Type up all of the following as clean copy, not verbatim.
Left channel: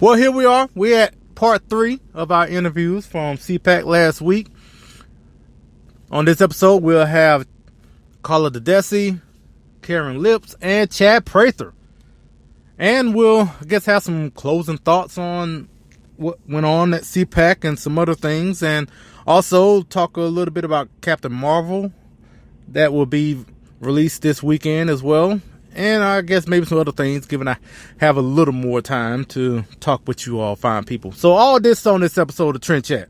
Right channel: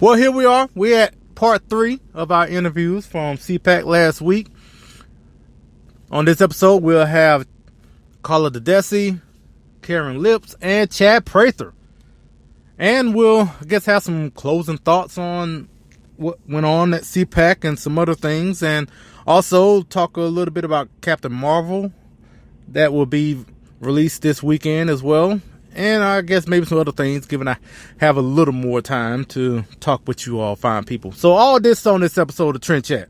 Well, here we are. We're at part 3 of our interviews from CPAC last week. On this episode, we'll have Carla Karin Agness, and Chad Prather. And we'll, I guess, have some closing thoughts on what went on at CPAC and some other things. And also talk a little bit about Captain Marvel that will be released this weekend as well. And I guess maybe some other things, given I have a little more time to talk with you all fine people. So all this on this episode of Trend Chat.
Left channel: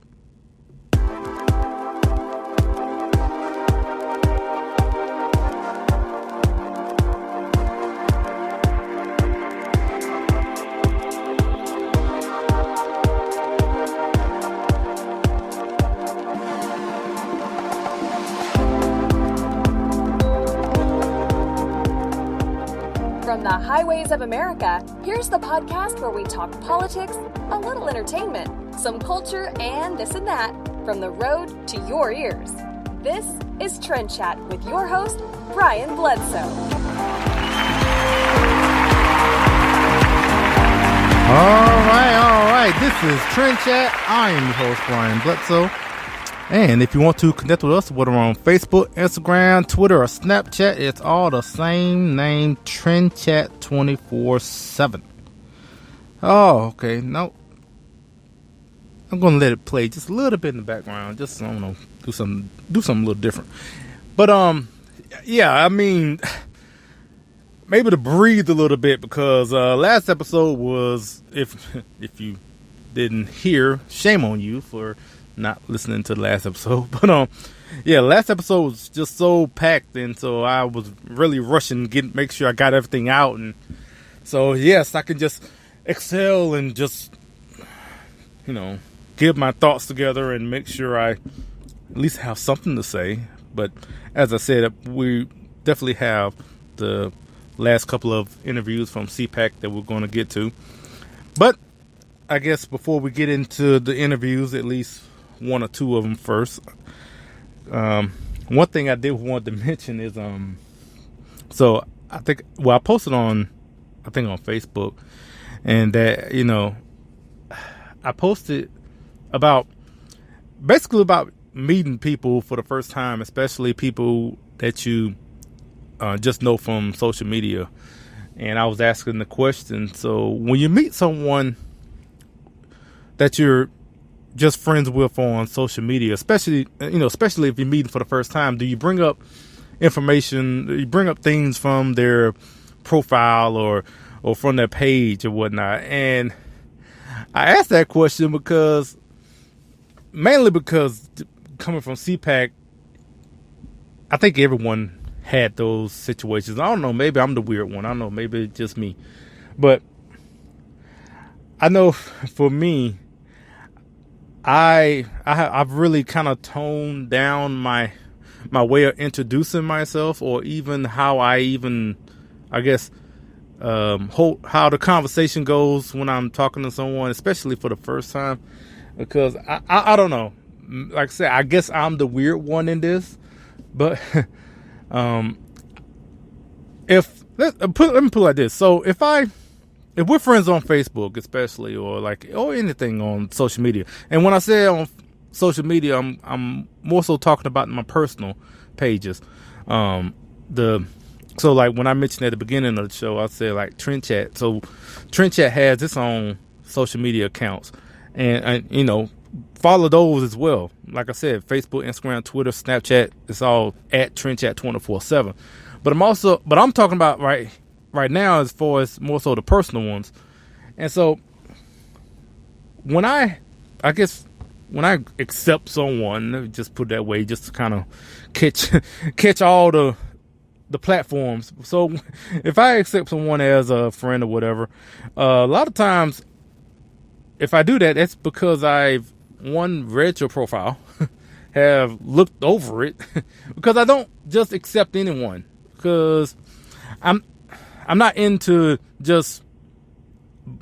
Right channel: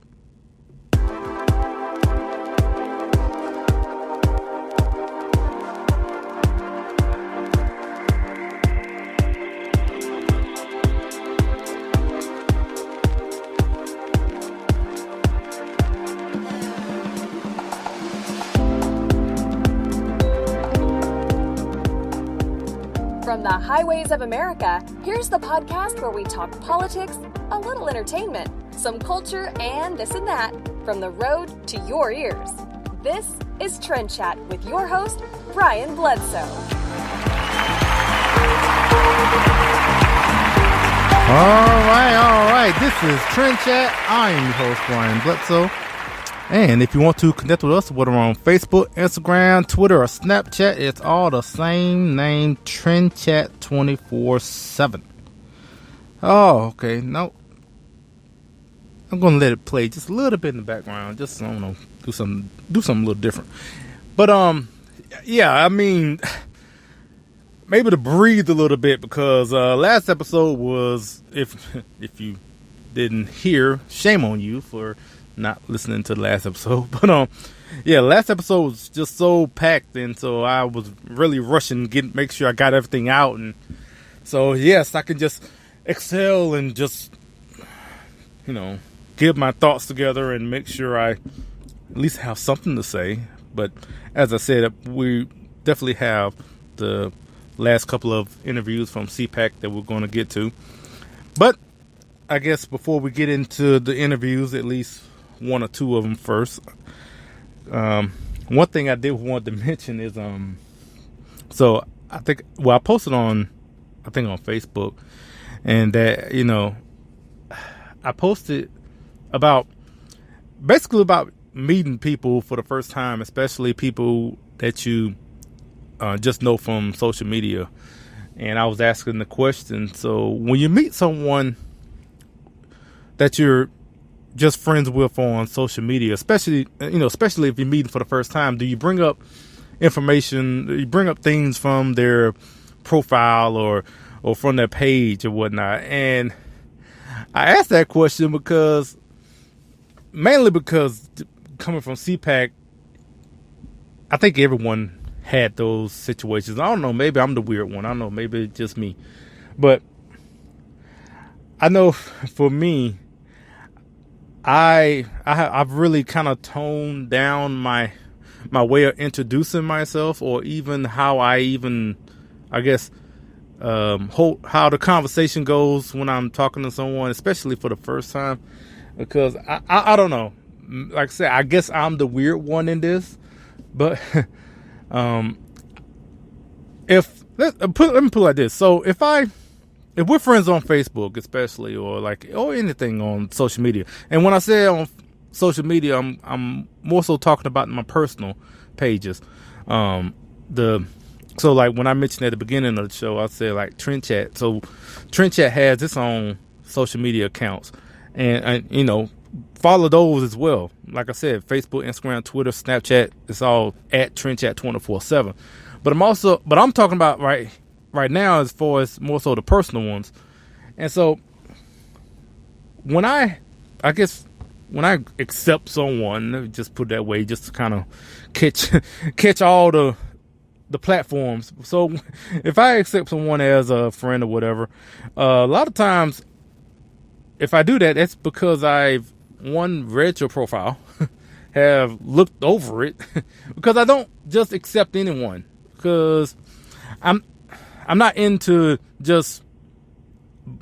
From the highways of America, here's the podcast where we talk politics, a little entertainment, some culture, and this and that, from the road to your ears. This is Trend Chat with your host, Brian Bledsoe. All right. This is Trend Chat. I am your host, Brian Bledsoe. And if you want to connect with us, whether on Facebook, Instagram, Twitter, or Snapchat, it's all the same name, Trend Chat 24/7. Oh, okay. No, I'm gonna let it play just a little bit in the background. Just, I don't know, do something a little different. But yeah, I mean, maybe to breathe a little bit, because last episode was, if you didn't hear, shame on you for not listening to the last episode. But yeah, last episode was just so packed, and so I was really rushing make sure I got everything out. And so yes, I can just excel and just, give my thoughts together and make sure I at least have something to say. But as I said, we definitely have the last couple of interviews from CPAC that we're going to get to. But I guess before we get into the interviews, at least one or two of them first. One thing I did want to mention is, so I posted on Facebook, and that, I posted about meeting people for the first time, especially people that you just know from social media. And I was asking the question, so when you meet someone that you're just friends with on social media, especially if you're meeting for the first time, do you bring up information, do you bring up things from their profile or from their page or whatnot? And I asked that question mainly because coming from CPAC, I think everyone had those situations. I don't know, maybe I'm the weird one. I don't know, maybe it's just me. But I know for me, I've really kind of toned down my way of introducing myself, or even how how the conversation goes when I'm talking to someone, especially for the first time, because I don't know. Like I said, I guess I'm the weird one in this, but let me put it like this. So if we're friends on Facebook, especially, or anything on social media, and when I say on social media, I'm more so talking about my personal pages. So like when I mentioned at the beginning of the show, I said like Trend Chat. So Trend Chat has its own social media accounts, and follow those as well. Like I said, Facebook, Instagram, Twitter, Snapchat, it's all at Trend Chat 24/7. But I'm talking about right now as far as more so the personal ones. And so when I accept someone, let me just put it that way, just to kind of catch all the platforms. So if I accept someone as a friend or whatever, a lot of times if I do that, that's because I've read your profile, have looked over it, because I don't just accept anyone, because I'm not into just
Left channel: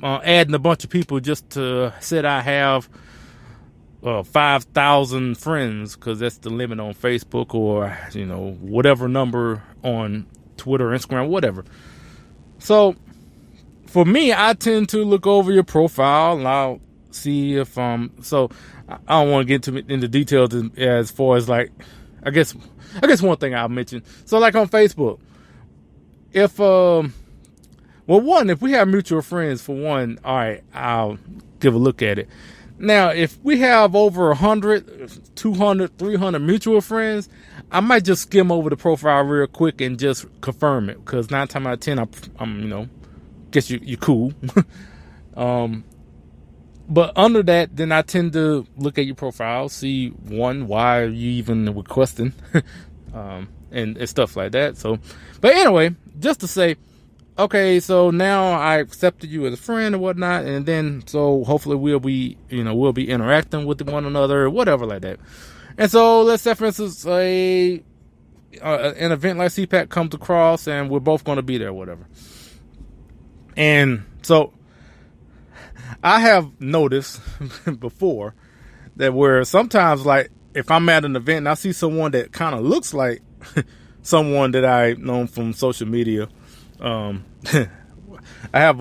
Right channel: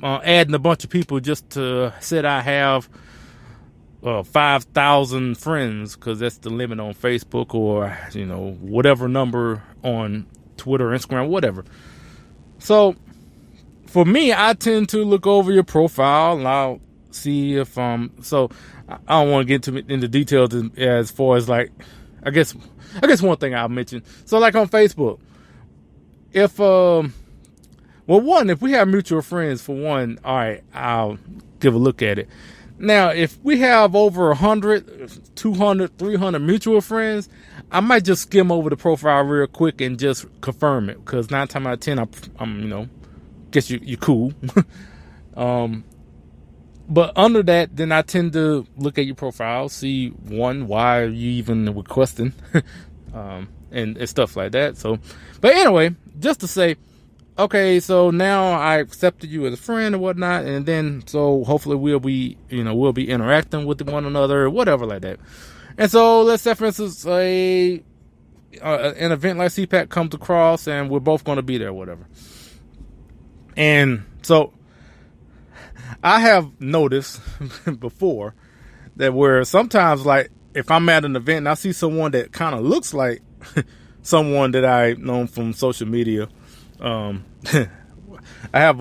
adding a bunch of people just to say I have 5,000 friends, because that's the limit on Facebook, or whatever number on Twitter, Instagram, whatever. So for me, I tend to look over your profile and I'll see if so I don't want to get into details as far as like I guess one thing I'll mention. So like on Facebook, if if we have mutual friends, for one, all right, I'll give a look at it. Now, if we have over 100, 200, 300 mutual friends, I might just skim over the profile real quick and just confirm it, because 9 times out of 10, I'm guess you're cool. But under that, then I tend to look at your profile, see why are you even requesting, and stuff like that. So, but anyway, just to say, okay, so now I accepted you as a friend or whatnot, and then so hopefully we'll be interacting with one another or whatever like that. And so let's say, for instance, an event like CPAC comes across, and we're both going to be there, or whatever. And so I have noticed before that where sometimes, like, if I'm at an event and I see someone that kind of looks like someone that I know from social media, I have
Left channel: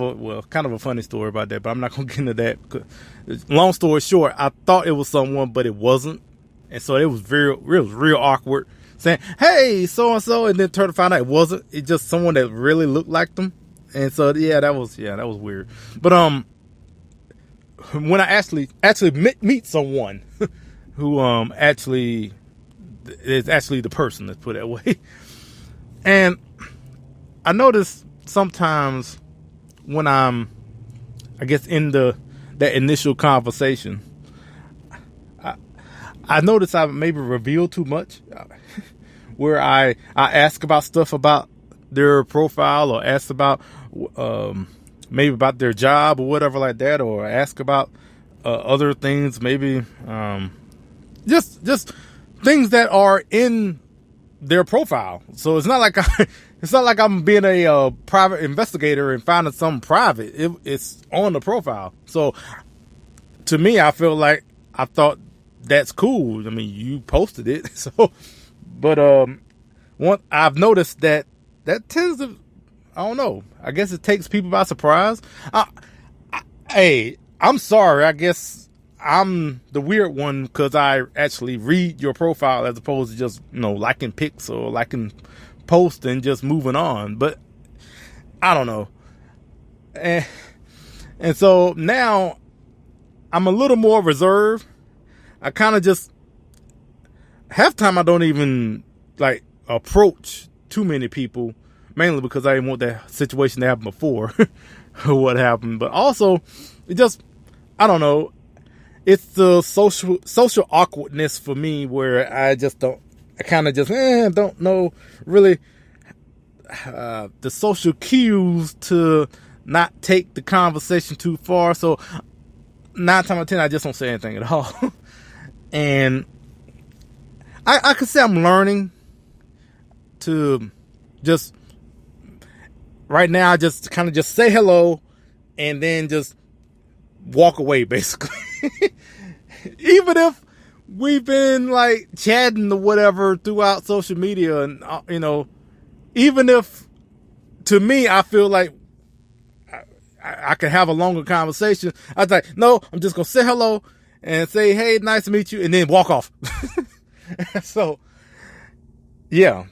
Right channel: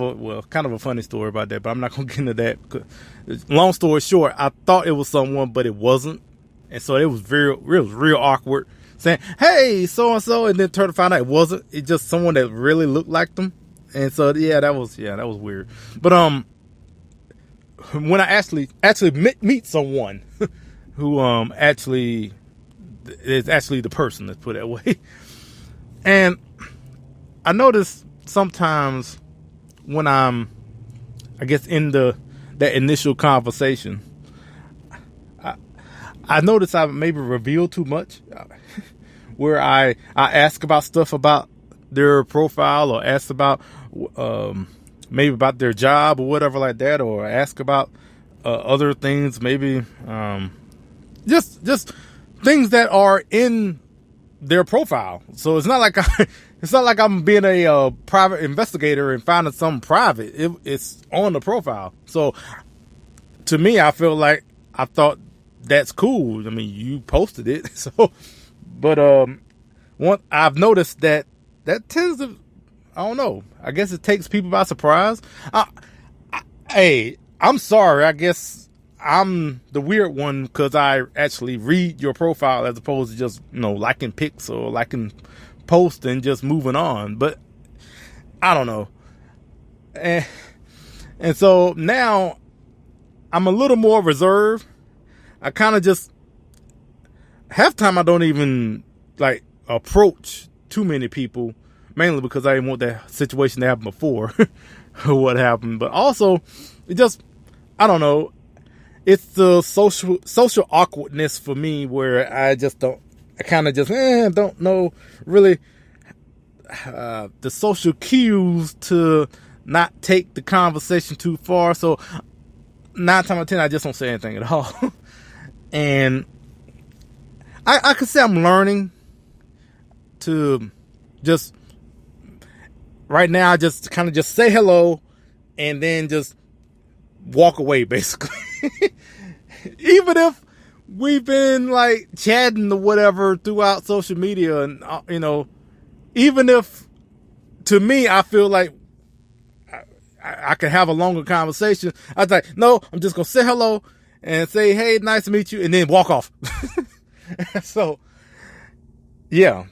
kind of a funny story about that, but I'm not going to get into that. Long story short, I thought it was someone, but it wasn't. And so it was real awkward saying, "Hey, so-and-so," and then turn to find out it wasn't. It's just someone that really looked like them. And so, that was weird. But, when I actually meet someone who, actually is actually the person, let's put it that way. And I notice sometimes when I'm, I guess, in that initial conversation, I notice I maybe reveal too much, where I ask about stuff about their profile, or ask about maybe about their job or whatever like that, or ask about other things, maybe just things that are in their profile. So it's not like I'm being a private investigator and finding something private. It's on the profile. So to me, I feel like I thought that's cool. I mean, you posted it. So, but I've noticed that tends to, I don't know, I guess it takes people by surprise. Hey, I'm sorry. I guess I'm the weird one because I actually read your profile as opposed to just, liking pics or liking posts and just moving on. But I don't know. And so now I'm a little more reserved. I kind of just, half time I don't even like approach too many people, mainly because I didn't want that situation to happen before or what happened. But also, it just, I don't know, it's the social awkwardness for me where I kind of just don't know really the social cues to not take the conversation too far. So 9 times out of 10, I just don't say anything at all. And I could say I'm learning to just, right now, I just kind of just say hello and then just walk away, basically. Even if we've been like chatting or whatever throughout social media, and even if, to me, I feel like I could have a longer conversation, I was like, no, I'm just gonna say hello and say, "Hey, nice to meet you," and then walk off. So, yeah.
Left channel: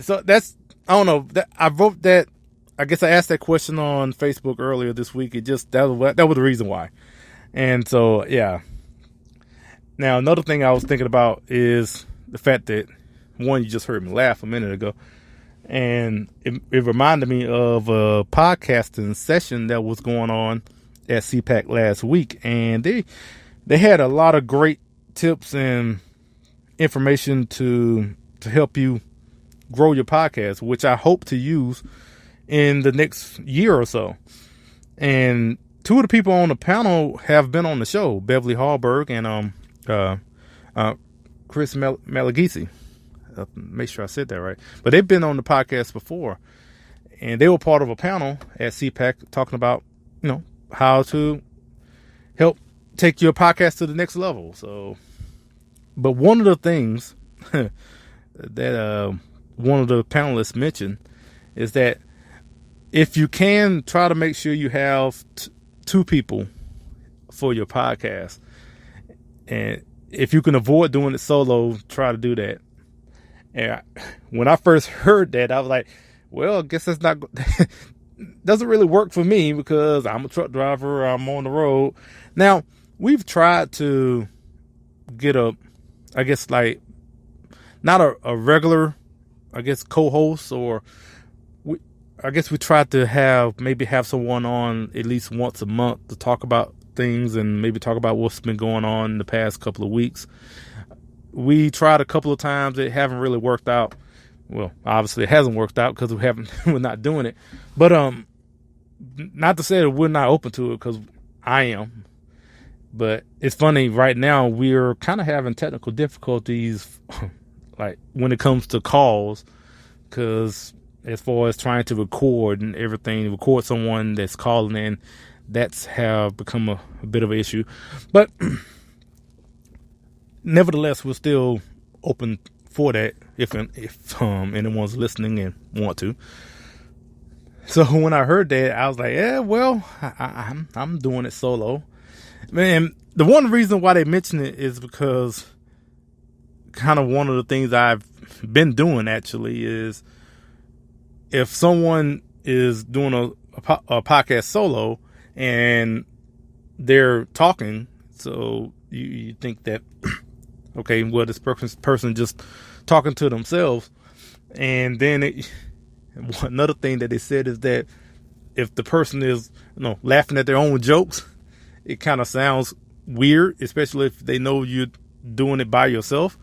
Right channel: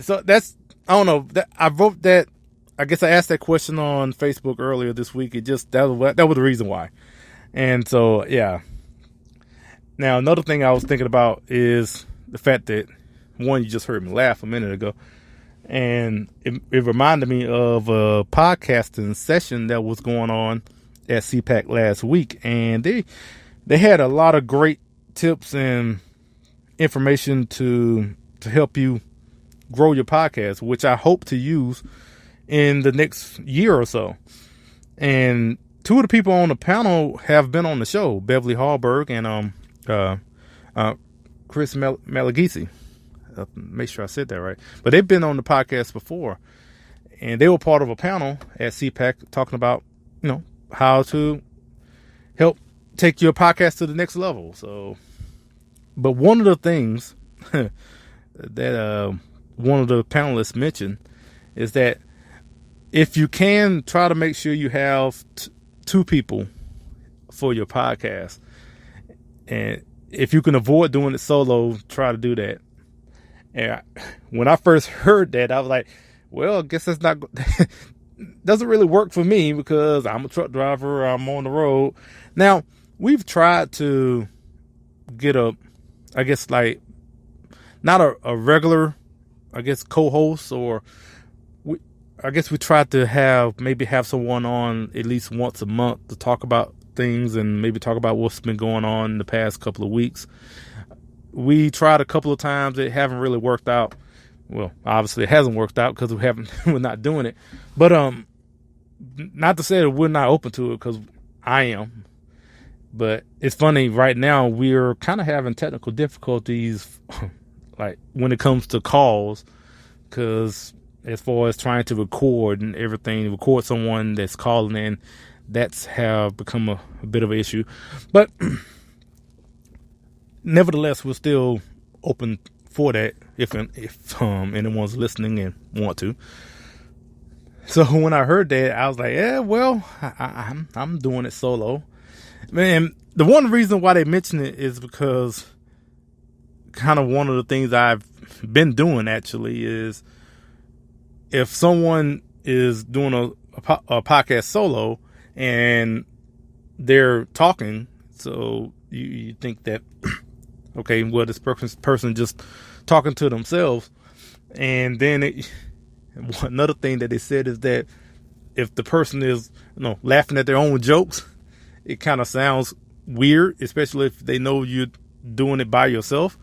So that's, I don't know. I wrote that. I guess I asked that question on Facebook earlier this week. That was the reason why. And so, yeah. Now, another thing I was thinking about is the fact that, one, you just heard me laugh a minute ago, and it reminded me of a podcasting session that was going on at CPAC last week, and they had a lot of great tips and information to help you grow your podcast, which I hope to use in the next year or so. And 2 of the people on the panel have been on the show, Beverly Hallberg and Chris Malagisi. Make sure I said that right. But they've been on the podcast before, and they were part of a panel at CPAC talking about, how to help take your podcast to the next level. So, but one of the things that one of the panelists mentioned is that if you can, try to make sure you have two people for your podcast. And if you can avoid doing it solo, try to do that. And when I first heard that, I was like, well, I guess that's not, doesn't really work for me because I'm a truck driver. I'm on the road. Now, we've tried to get I guess like, not a regular, I guess, co-host, or I guess we tried to maybe have someone on at least once a month to talk about things and maybe talk about what's been going on in the past couple of weeks. We tried a couple of times. It haven't really worked out. Well, obviously it hasn't worked out because we're not doing it. But not to say that we're not open to it, because I am. But it's funny, right now we're kind of having technical difficulties like when it comes to calls, because as far as trying to record and everything, record someone that's calling in, that's have become a bit of an issue. But nevertheless, we're still open for that if anyone's listening and want to. So when I heard that, I was like, yeah, well, I'm doing it solo. Man, the one reason why they mention it is because kind of one of the things I've been doing actually is, if someone is doing a podcast solo and they're talking, so you think that, okay, well, this person just talking to themselves. And then another thing that they said is that if the person is, laughing at their own jokes, it kind of sounds weird, especially if they know you're doing it by yourself.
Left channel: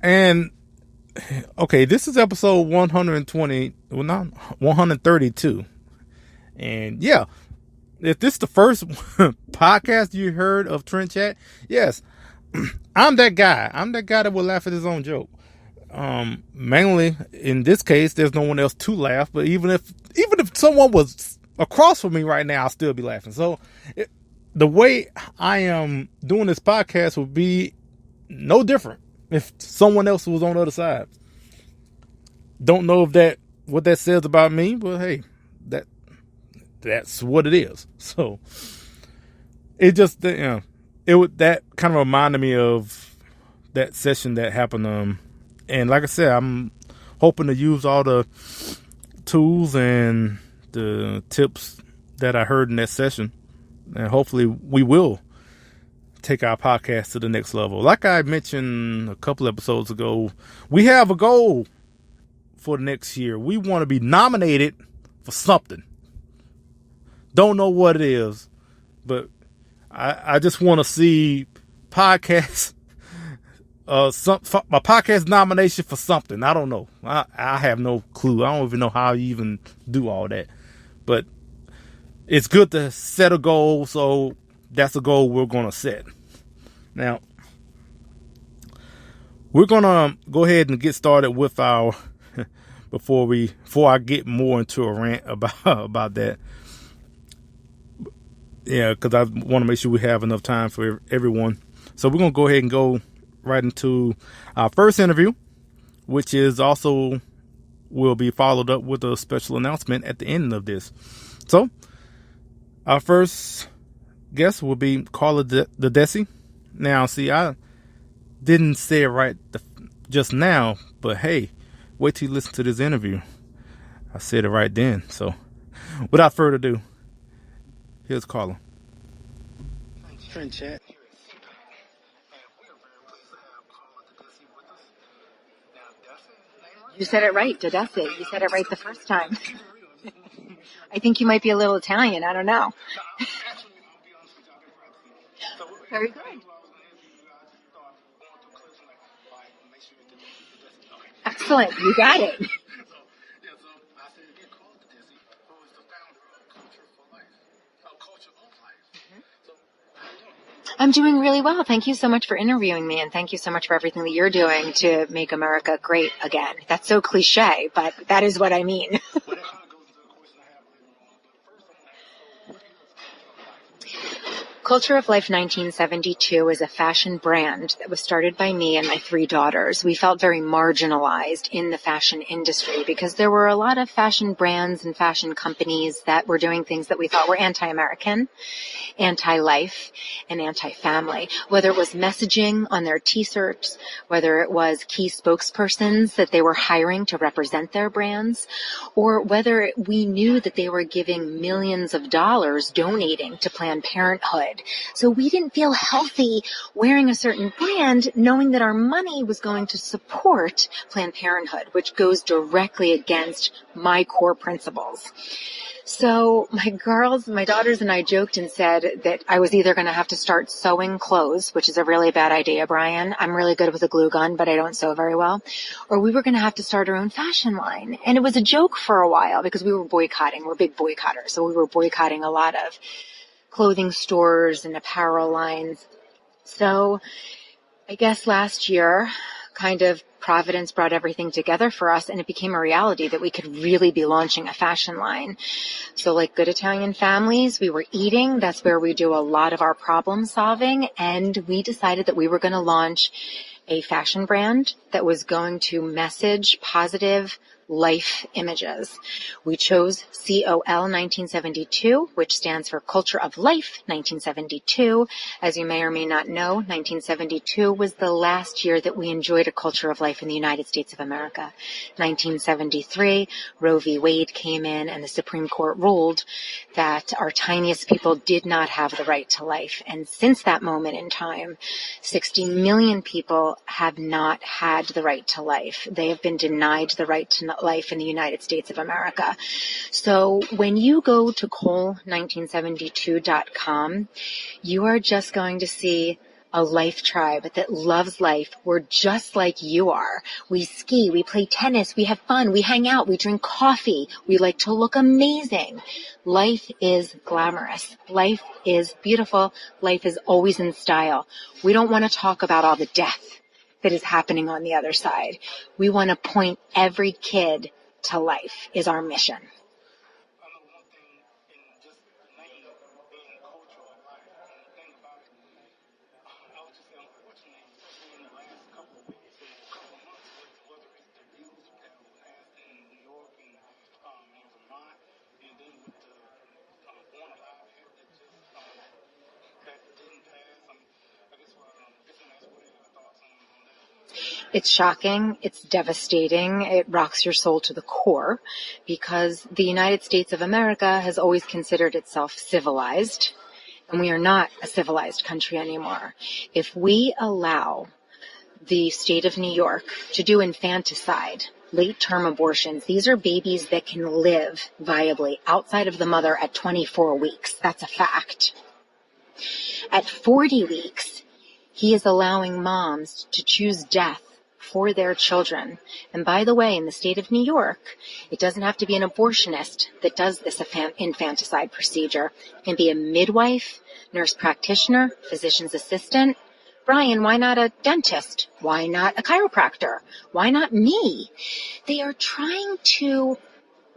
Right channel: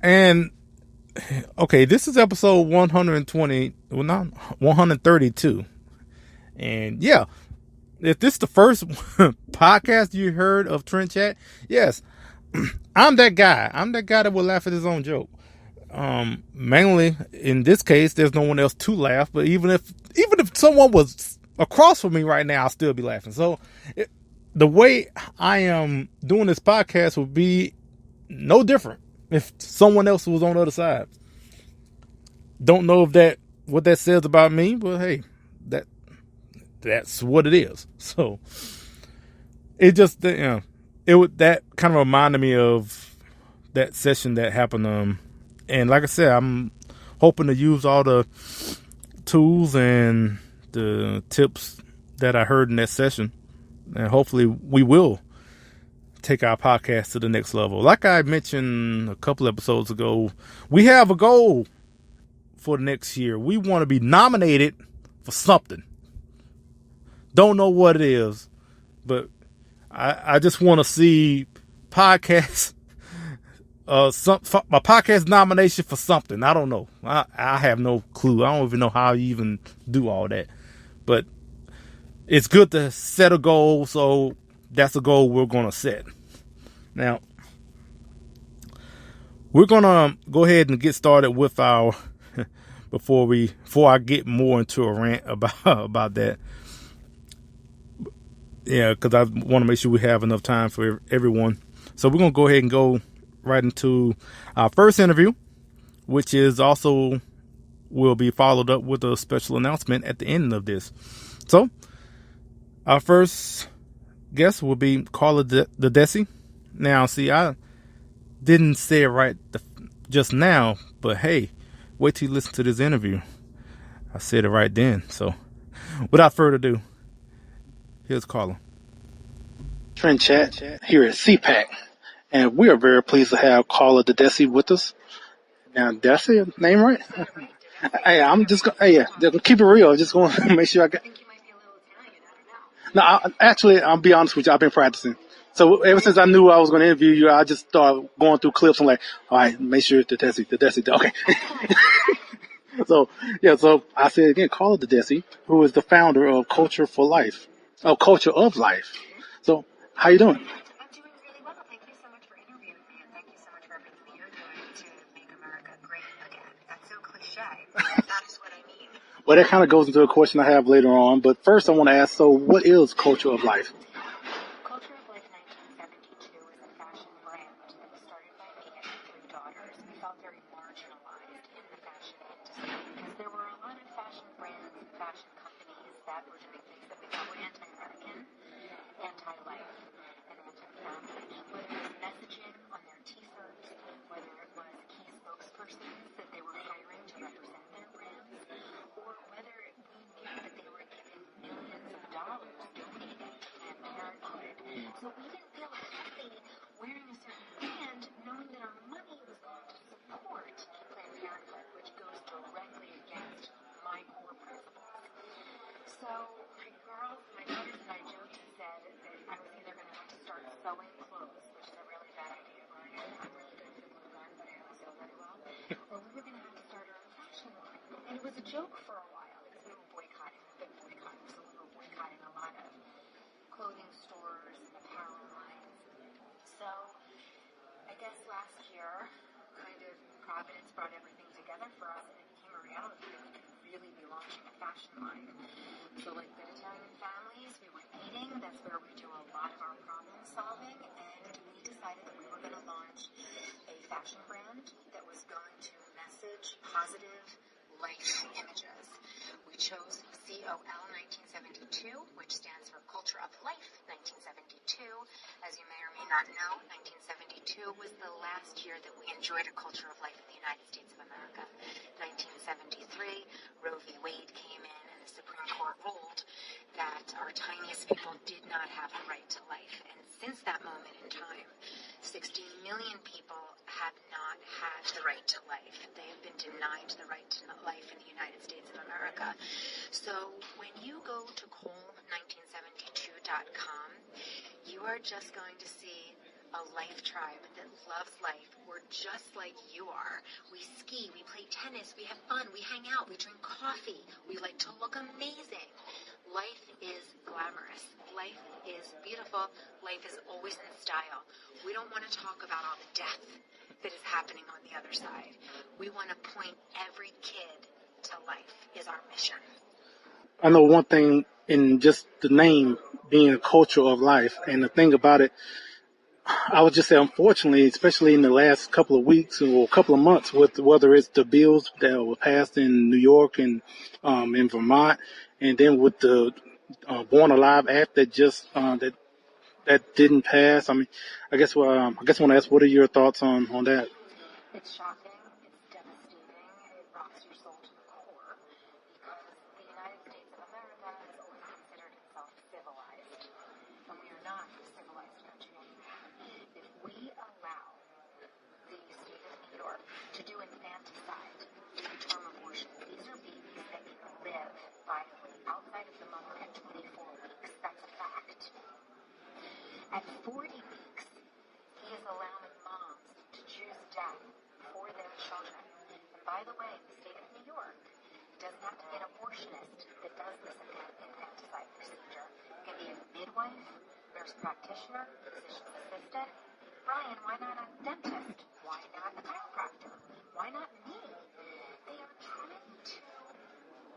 And okay, this is episode 120, well, not 132. And yeah, if this is the first podcast you heard of Trent Chat, yes, I'm that guy. I'm that guy that will laugh at his own joke. Mainly in this case, there's no one else to laugh, but even if someone was across from me right now, I'll still be laughing. So the way I am doing this podcast would be no different if someone else was on the other side. Don't know if what that says about me, but hey, that's what it is. So it just, that kind of reminded me of that session that happened. And like I said, I'm hoping to use all the tools and the tips that I heard in that session, and hopefully we will take our podcast to the next level. Like I mentioned a couple episodes ago, we have a goal for next year. We want to be nominated for something. Don't know what it is, but I just want to see podcast, a podcast nomination for something. I don't know. I have no clue. I don't even know how you even do all that. But it's good to set a goal, so that's a goal we're going to set. Now, we're going to go ahead and get started with our, before I get more into a rant about that. Yeah, because I want to make sure we have enough time for everyone. So we're going to go ahead and go right into our first interview, which is also will be followed up with a special announcement at the end of this. So our first guest will be Carla Agness. Now, see, I didn't say it right just now, but hey, wait till you listen to this interview. I said it right then. So without further ado, here's Carla. Trent Chat here at CPAC, and we are very pleased to have Carla Agness with us. Now, did I say your name right? You said it right, Agness. Hey, I'm just going keep it real. Just going to make sure I think you might be a little Italian. I don't know. No, I'll be honest with you. I've been practicing. So ever since I knew I was going to interview you, I just started going through clips and like, all right, make sure Agness. Okay. Excellent. You got it. So I said again, Carla Agness, who is the founder of Culture of Life. So how you doing? I'm doing really well. Thank you so much for interviewing me, and thank you so much for everything that you're doing to make America great again. That's so cliche, but that is what I mean. Well, that kind of goes into a question I have later on. But first I want to ask, so what is Culture of Life? Culture of Life 1972 is a fashion brand that was started by me and my 3 daughters. We felt very marginalized in the fashion industry because there were a lot of fashion brands and fashion companies that were doing things that we thought were anti-American, anti-life, and anti-family. Whether it was messaging on their t-shirts, whether it was key spokespersons that they were hiring to represent their brands, or whether we knew that they were giving millions of dollars donating to Planned Parenthood. So we didn't feel healthy wearing a certain brand knowing that our money was going to support Planned Parenthood, which goes directly against my core principles. So my daughters and I joked and said that I was either going to have to start sewing clothes, which is a really bad idea, Brian. I'm really good with a glue gun, but I don't sew very well. Or we were going to have to start our own fashion line. And it was a joke for a while because we were boycotting. We're big boycotters. So we were boycotting a lot of clothing stores and apparel lines. So I guess last year, kind of Providence brought everything together for us, and it became a reality that we could really be launching a fashion line. So like good Italian families, we were eating. That's where we do a lot of our problem solving. And we decided that we were going to launch a fashion brand that was going to message positive life images. We chose COL 1972, which stands for Culture of Life 1972. As you may or may not know, 1972 was the last year that we enjoyed a culture of life in the United States of America. 1973, Roe v. Wade came in and the Supreme Court ruled that our tiniest people did not have the right to life. And since that moment in time, 60 million people have not had the right to life. They have been denied the right to life in the United States of America. So when you go to cole1972.com, you are just going to see a life tribe that loves life. We're just like you are. We ski, we play tennis, we have fun, we hang out, we drink coffee, we like to look amazing. Life is glamorous. Life is beautiful. Life is always in style. We don't want to talk about all the death that is happening on the other side. We want to point every kid to life is our mission. I know one thing in just the name being a culture of life, and the thing about it, I would just say, unfortunately, especially in the last couple of weeks or couple of months, with whether it's the bills that were passed in New York and in Vermont, and then with the Born Alive Act that just that didn't pass. I mean, I guess I want to ask, what are your thoughts on that? It's shocking. It's devastating. It rocks your soul to the core because the United States of America has always considered itself civilized, and we are not a civilized country anymore. If we allow the state of New York to do infanticide, late-term abortions, these are babies that can live viably outside of the mother at 24 weeks. That's a fact. At 40 weeks, he is allowing moms to choose death for their children. And by the way, in the state of New York, it doesn't have to be an abortionist that does this infanticide procedure. It can be a midwife, nurse practitioner, physician's assistant. Brian, why not a dentist? Why not a chiropractor? Why not me? They are trying to,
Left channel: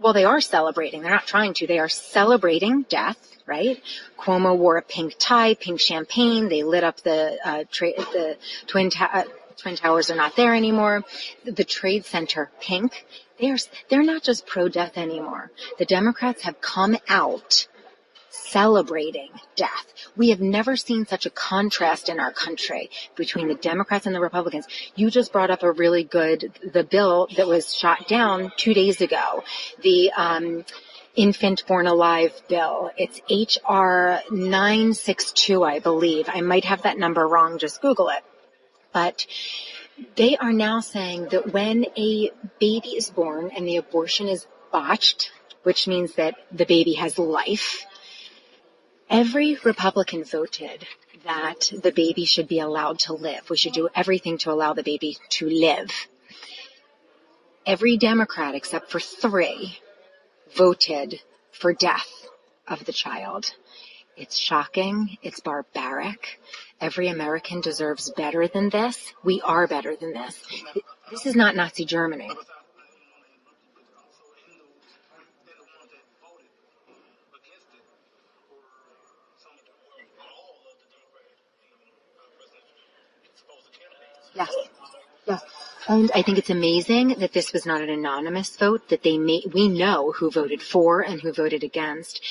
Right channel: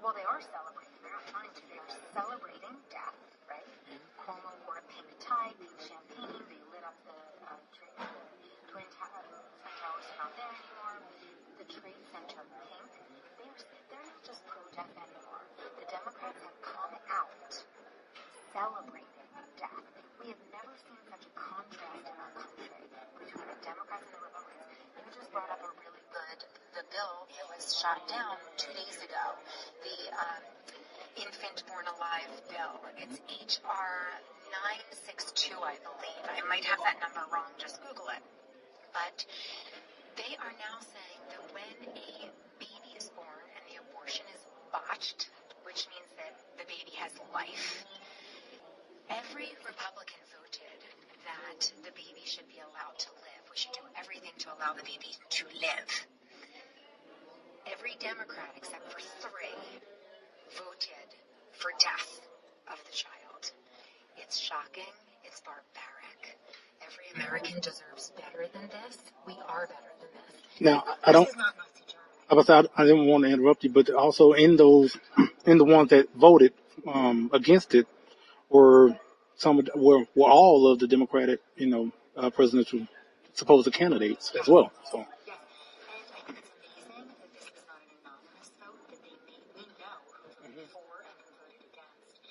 well, they are celebrating. They're not trying to. They are celebrating death, right? Cuomo wore a pink tie, pink champagne. They lit up the Twin Towers are not there anymore. The Trade Center, pink. They're not just pro-death anymore. The Democrats have come out celebrating death. We have never seen such a contrast in our country between the Democrats and the Republicans. You just brought up the bill that was shot down 2 days ago, the Infant Born Alive bill. It's HR 962, I believe. I might have that number wrong. Just Google it. But they are now saying that when a baby is born and the abortion is botched, which means that the baby has life, every Republican voted that the baby should be allowed to live. We should do everything to allow the baby to live. Every Democrat, except for 3, voted for death of the child. It's shocking. It's barbaric. Every American deserves better than this. We are better than this. Now, this is not Nazi Germany. I didn't want to interrupt you, but also in the ones that voted against it were were all of the Democratic, presidential supposed candidates as well. So. Yes. And I think it's amazing that this was not an anonymous vote, that we know who voted for and who voted against.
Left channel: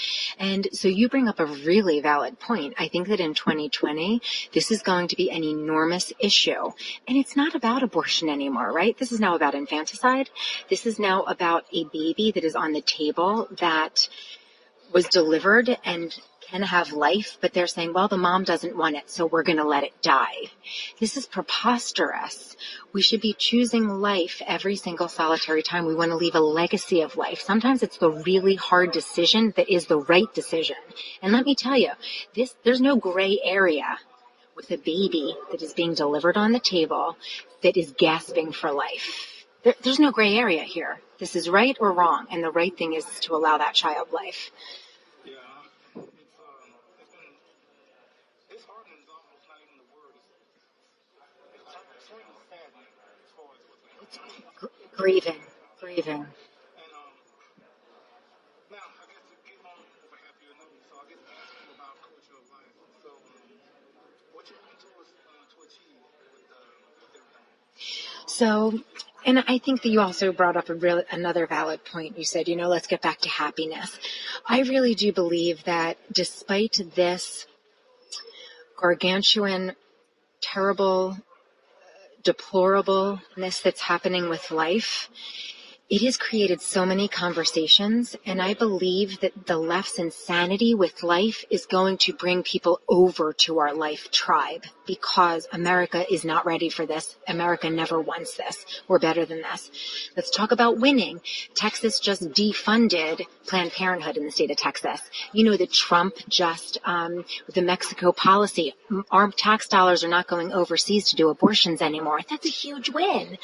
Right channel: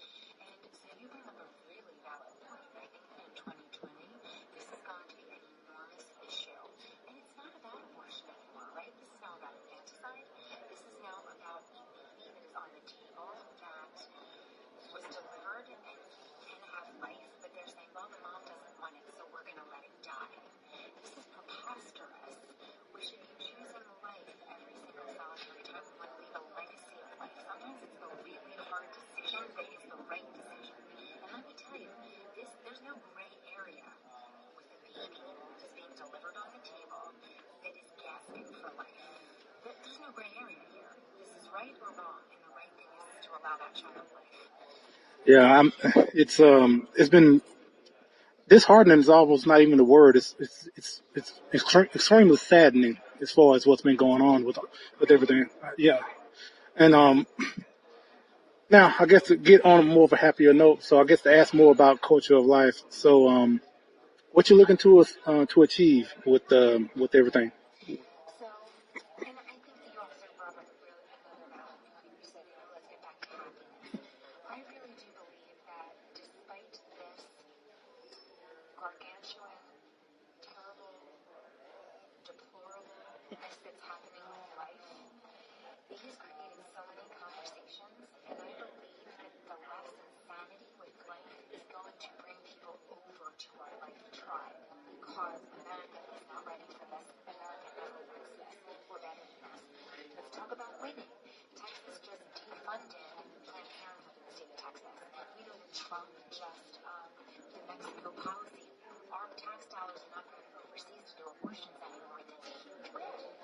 And so you bring up a really valid point. I think that in 2020, this is going to be an enormous issue. And it's not about abortion anymore, right? This is now about infanticide. This is now about a baby that is on the table that was delivered and can have life, but they're saying, well, the mom doesn't want it, so we're going to let it die. This is preposterous. We should be choosing life every single solitary time. We want to leave a legacy of life. Sometimes it's the really hard decision that is the right decision. And let me tell you, there's no gray area with a baby that is being delivered on the table that is gasping for life. There's no gray area here. This is right or wrong, and the right thing is to allow that child life. Yeah, it's been disheartening. Is almost not even the word. It's extremely saddening as far as what's been going on with everything. Yeah, and now I guess to get on more of a happier note. So I guess to ask more about culture of life. So what you looking to achieve with everything? So, and I think that you also brought up another valid point. You said, let's get back to happiness. I really do believe that despite this gargantuan, terrible, deplorableness that's happening with life, it has created so many conversations, and I believe that the left's insanity with life is going to bring people over to our life tribe, because America is not ready for this. America never wants this. We're better than this. Let's talk about winning. Texas just defunded Planned Parenthood in the state of Texas. You know that Trump just, with the Mexico policy, our tax dollars are not going overseas to do abortions anymore. That's a huge win.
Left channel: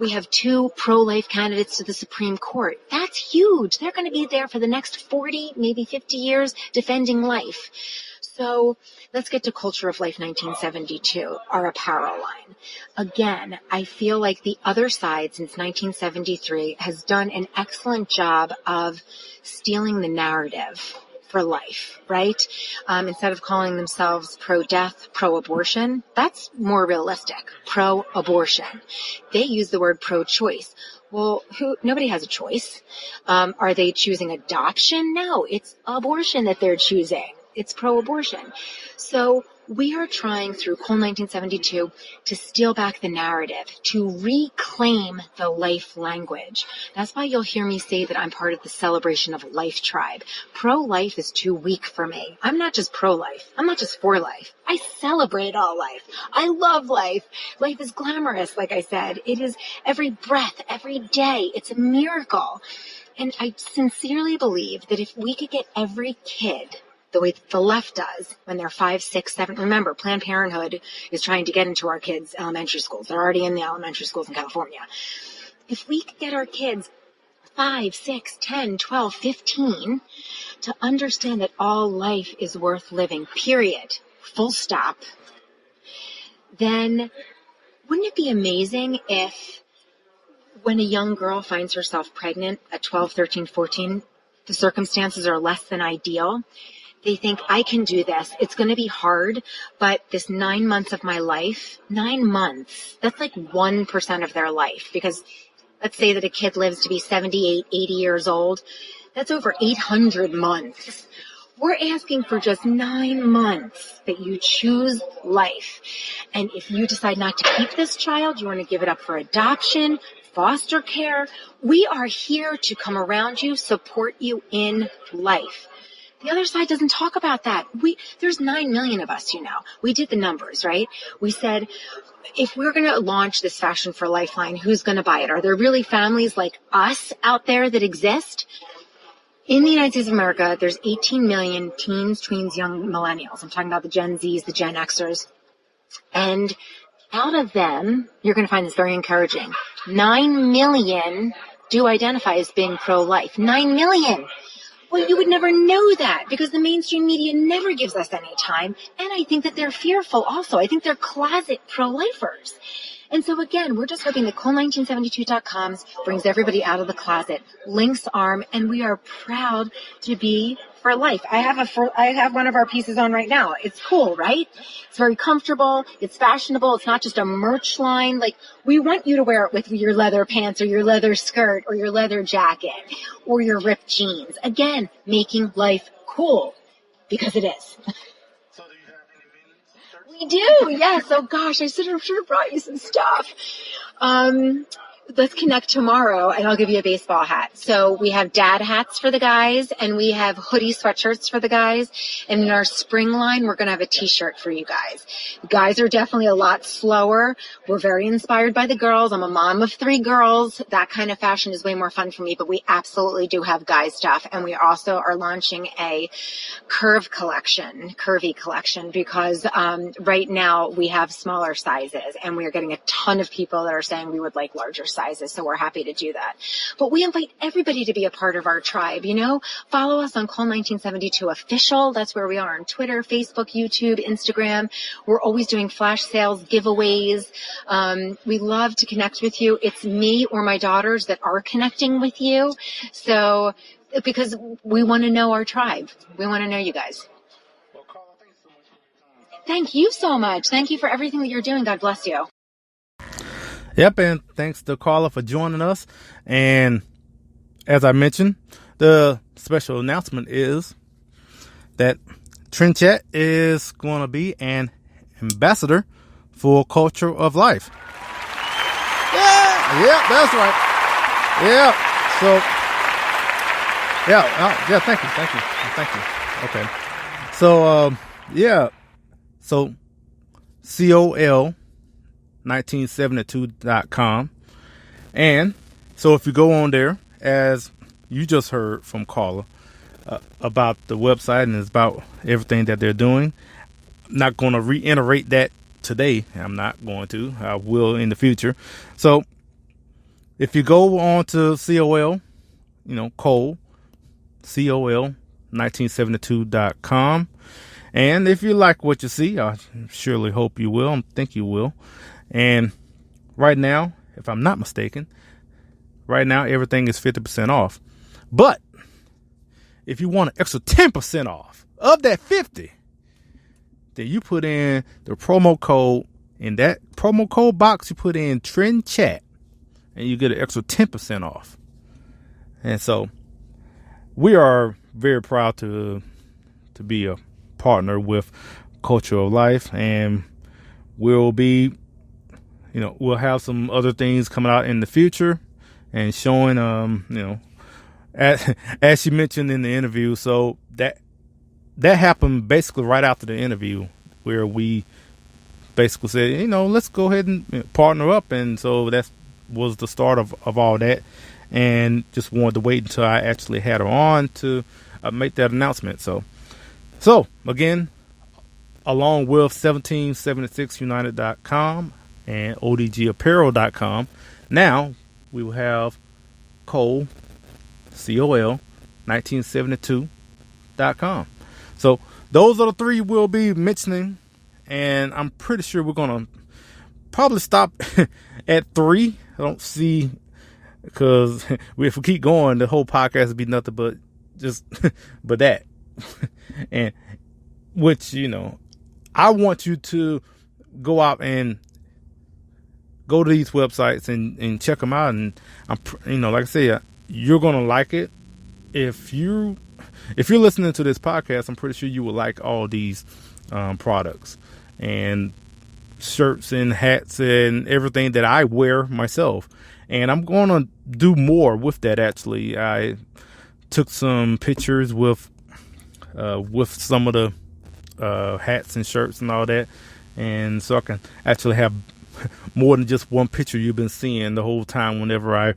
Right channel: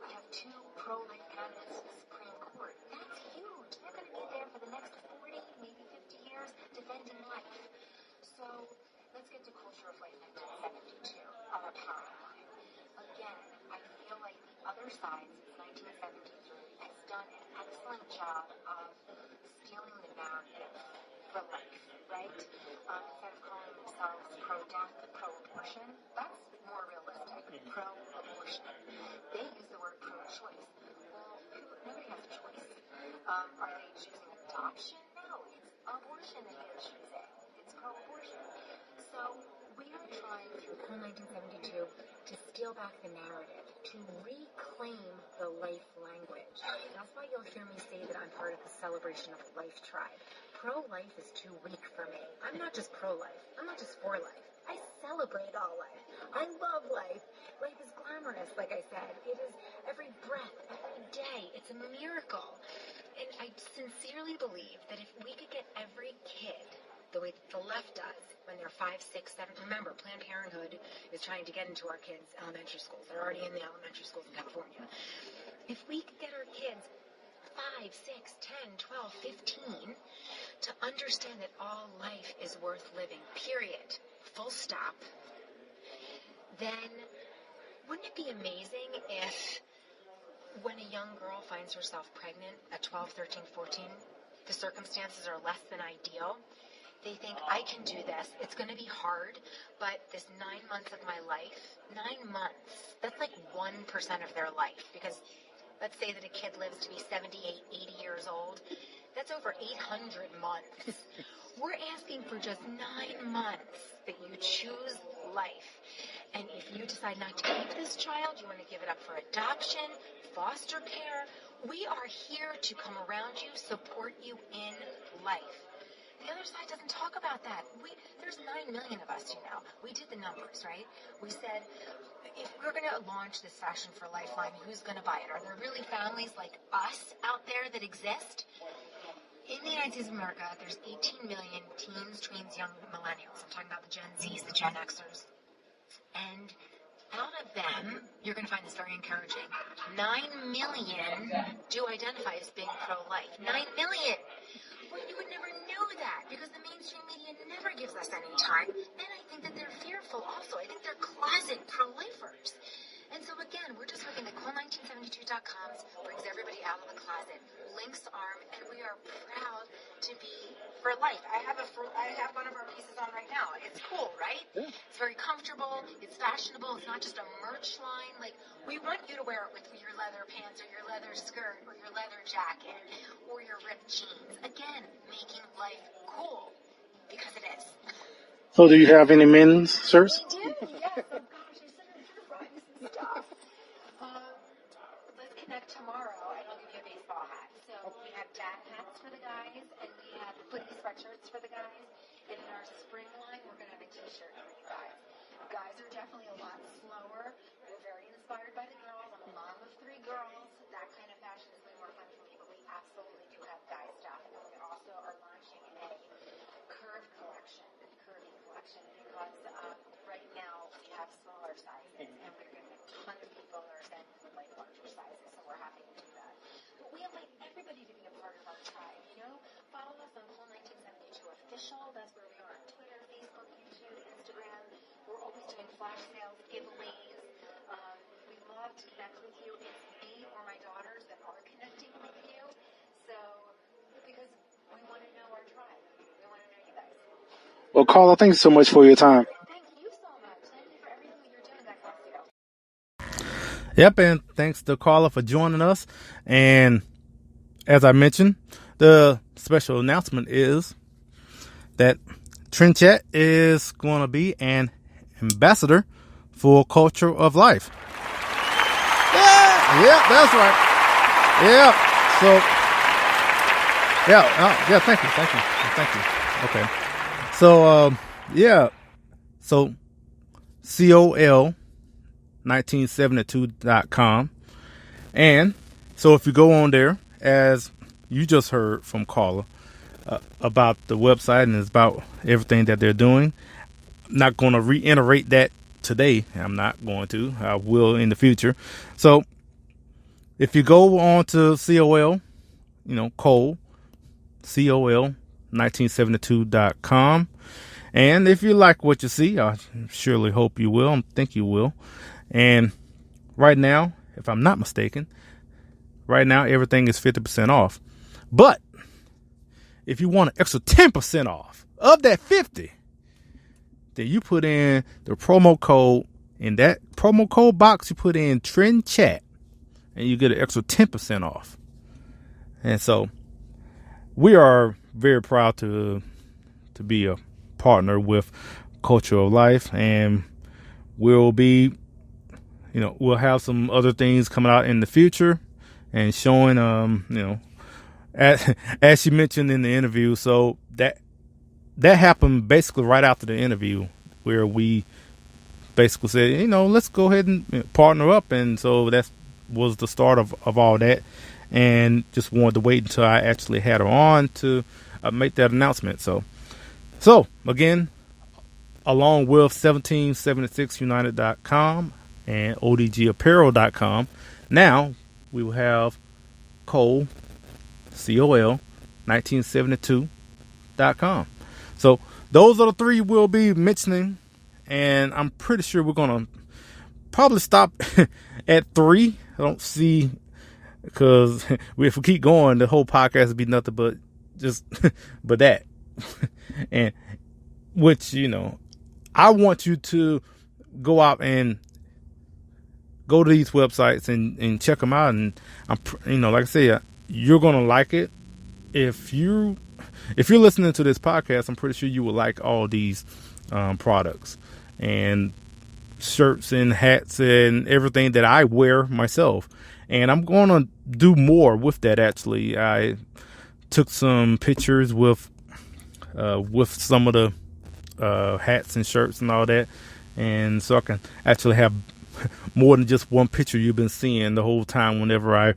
We have 2 pro-life candidates to the Supreme Court. That's huge. They're going to be there for the next 40, maybe 50 years defending life. So let's get to Culture of Life 1972, our apparel line. Again, I feel like the other side since 1973 has done an excellent job of stealing the narrative for life, right? Instead of calling themselves pro-death, pro-abortion, that's more realistic, pro-abortion. They use the word pro-choice. Well, nobody has a choice. Are they choosing adoption? No, it's abortion that they're choosing. It's pro-abortion. So we are trying through Cole 1972 to steal back the narrative, to reclaim the life language. That's why you'll hear me say that I'm part of the Celebration of Life tribe. Pro-life is too weak for me. I'm not just pro-life. I'm not just for life. I celebrate all life. I love life. Life is glamorous, like I said. It is every breath, every day. It's a miracle. And I sincerely believe that if we could get every kid the way the left does when they're 5, 6, 7. Remember, Planned Parenthood is trying to get into our kids' elementary schools. They're already in the elementary schools in California. If we could get our kids 5, 6, 10, 12, 15 to understand that all life is worth living, period, full stop, then wouldn't it be amazing if when a young girl finds herself pregnant at 12, 13, 14, the circumstances are less than ideal, they think, I can do this. It's going to be hard, but this 9 months of my life, 9 months, that's like 1% of their life. Because let's say that a kid lives to be 78, 80 years old. That's over 800 months. We're asking for just 9 months that you choose life. And if you decide not to keep this child, you want to give it up for adoption, foster care, we are here to come around you, support you in life. The other side doesn't talk about that. There's 9 million of us, We did the numbers, right? We said, if we're going to launch this Fashion for Lifeline, who's going to buy it? Are there really families like us out there that exist? In the United States of America, there's 18 million teens, tweens, young millennials. I'm talking about the Gen Zs, the Gen Xers. And out of them, you're going to find this very encouraging. 9 million do identify as being pro-life. 9 million. Well, you would never know that because the mainstream media never gives us any time. And I think that they're fearful also. I think they're closet pro-lifers. And so again, we're just hoping that Cole1972.com brings everybody out of the closet, links arm, and we are proud to be for life. I have one of our pieces on right now. It's cool, right? It's very comfortable. It's fashionable. It's not just a merch line. Like, we want you to wear it with your leather pants or your leather skirt or your leather jacket or your ripped jeans. Again, making life cool, because it is. So do you have any men's shirts? We do, yes. Oh gosh, I should have brought you some stuff. Let's connect tomorrow and I'll give you a baseball hat. So we have dad hats for the guys and we have hoodie sweatshirts for the guys. And in our spring line, we're going to have a t-shirt for you guys. The guys are definitely a lot slower. We're very inspired by the girls. I'm a mom of 3 girls. That kind of fashion is way more fun for me, but we absolutely do have guy stuff. And we also are launching a curvy collection, because right now we have smaller sizes and we are getting a ton of people that are saying we would like larger sizes, so we're happy to do that. But we invite everybody to be a part of our tribe. Follow us on Cole1972 Official. That's where we are on Twitter, Facebook, YouTube, Instagram. We're always doing flash sales, giveaways. We love to connect with you. It's me or my daughters that are connecting with you. So, because we want to know our tribe. We want to know you guys. Well, Carla, thanks so much for your time. Thank you so much. Thank you for everything that you're doing. God bless you. Yep, and thanks to Carla for joining us. And as I mentioned, the special announcement is that Trend Chat is going to be an ambassador for Culture of Life. Yeah, that's right. Yeah, so, yeah, thank you. Okay, so, so COL1972.com. And so if you go on there, as you just heard from Carla about the website and it's about everything that they're doing, I'm not going to reiterate that today. I'm not going to. I will in the future. So if you go on to COL, Cole, COL1972.com. And if you like what you see, I surely hope you will. I think you will. And right now, if I'm not mistaken, right now everything is 50% off. But if you want an extra 10% off of that 50, then you put in the promo code. In that promo code box, you put in Trend Chat, and you get an extra 10% off. And so we are very proud to be a partner with Culture of Life, and we'll be, we'll have some other things coming out in the future and showing, as she mentioned in the interview. So that happened basically right after the interview, where we basically said, let's go ahead and partner up. And so that was the start of all that, and just wanted to wait until I actually had her on to make that announcement. So again, along with 1776united.com and odgapparel.com, now we will have Cole, COL1972.com. So those are the 3 we'll be mentioning, and I'm pretty sure we're going to probably stop at 3. I don't see, because if we keep going, the whole podcast would be nothing but just but that. And which, I want you to go out and go to these websites and check them out. And I'm, like I said, you're going to like it. If you're listening to this podcast, I'm pretty sure you will like all these products and shirts and hats and everything that I wear myself. And I'm going to do more with that. Actually, I took some pictures with some of the hats and shirts and all that, and so I can actually have more than just one picture you've been seeing the whole time whenever an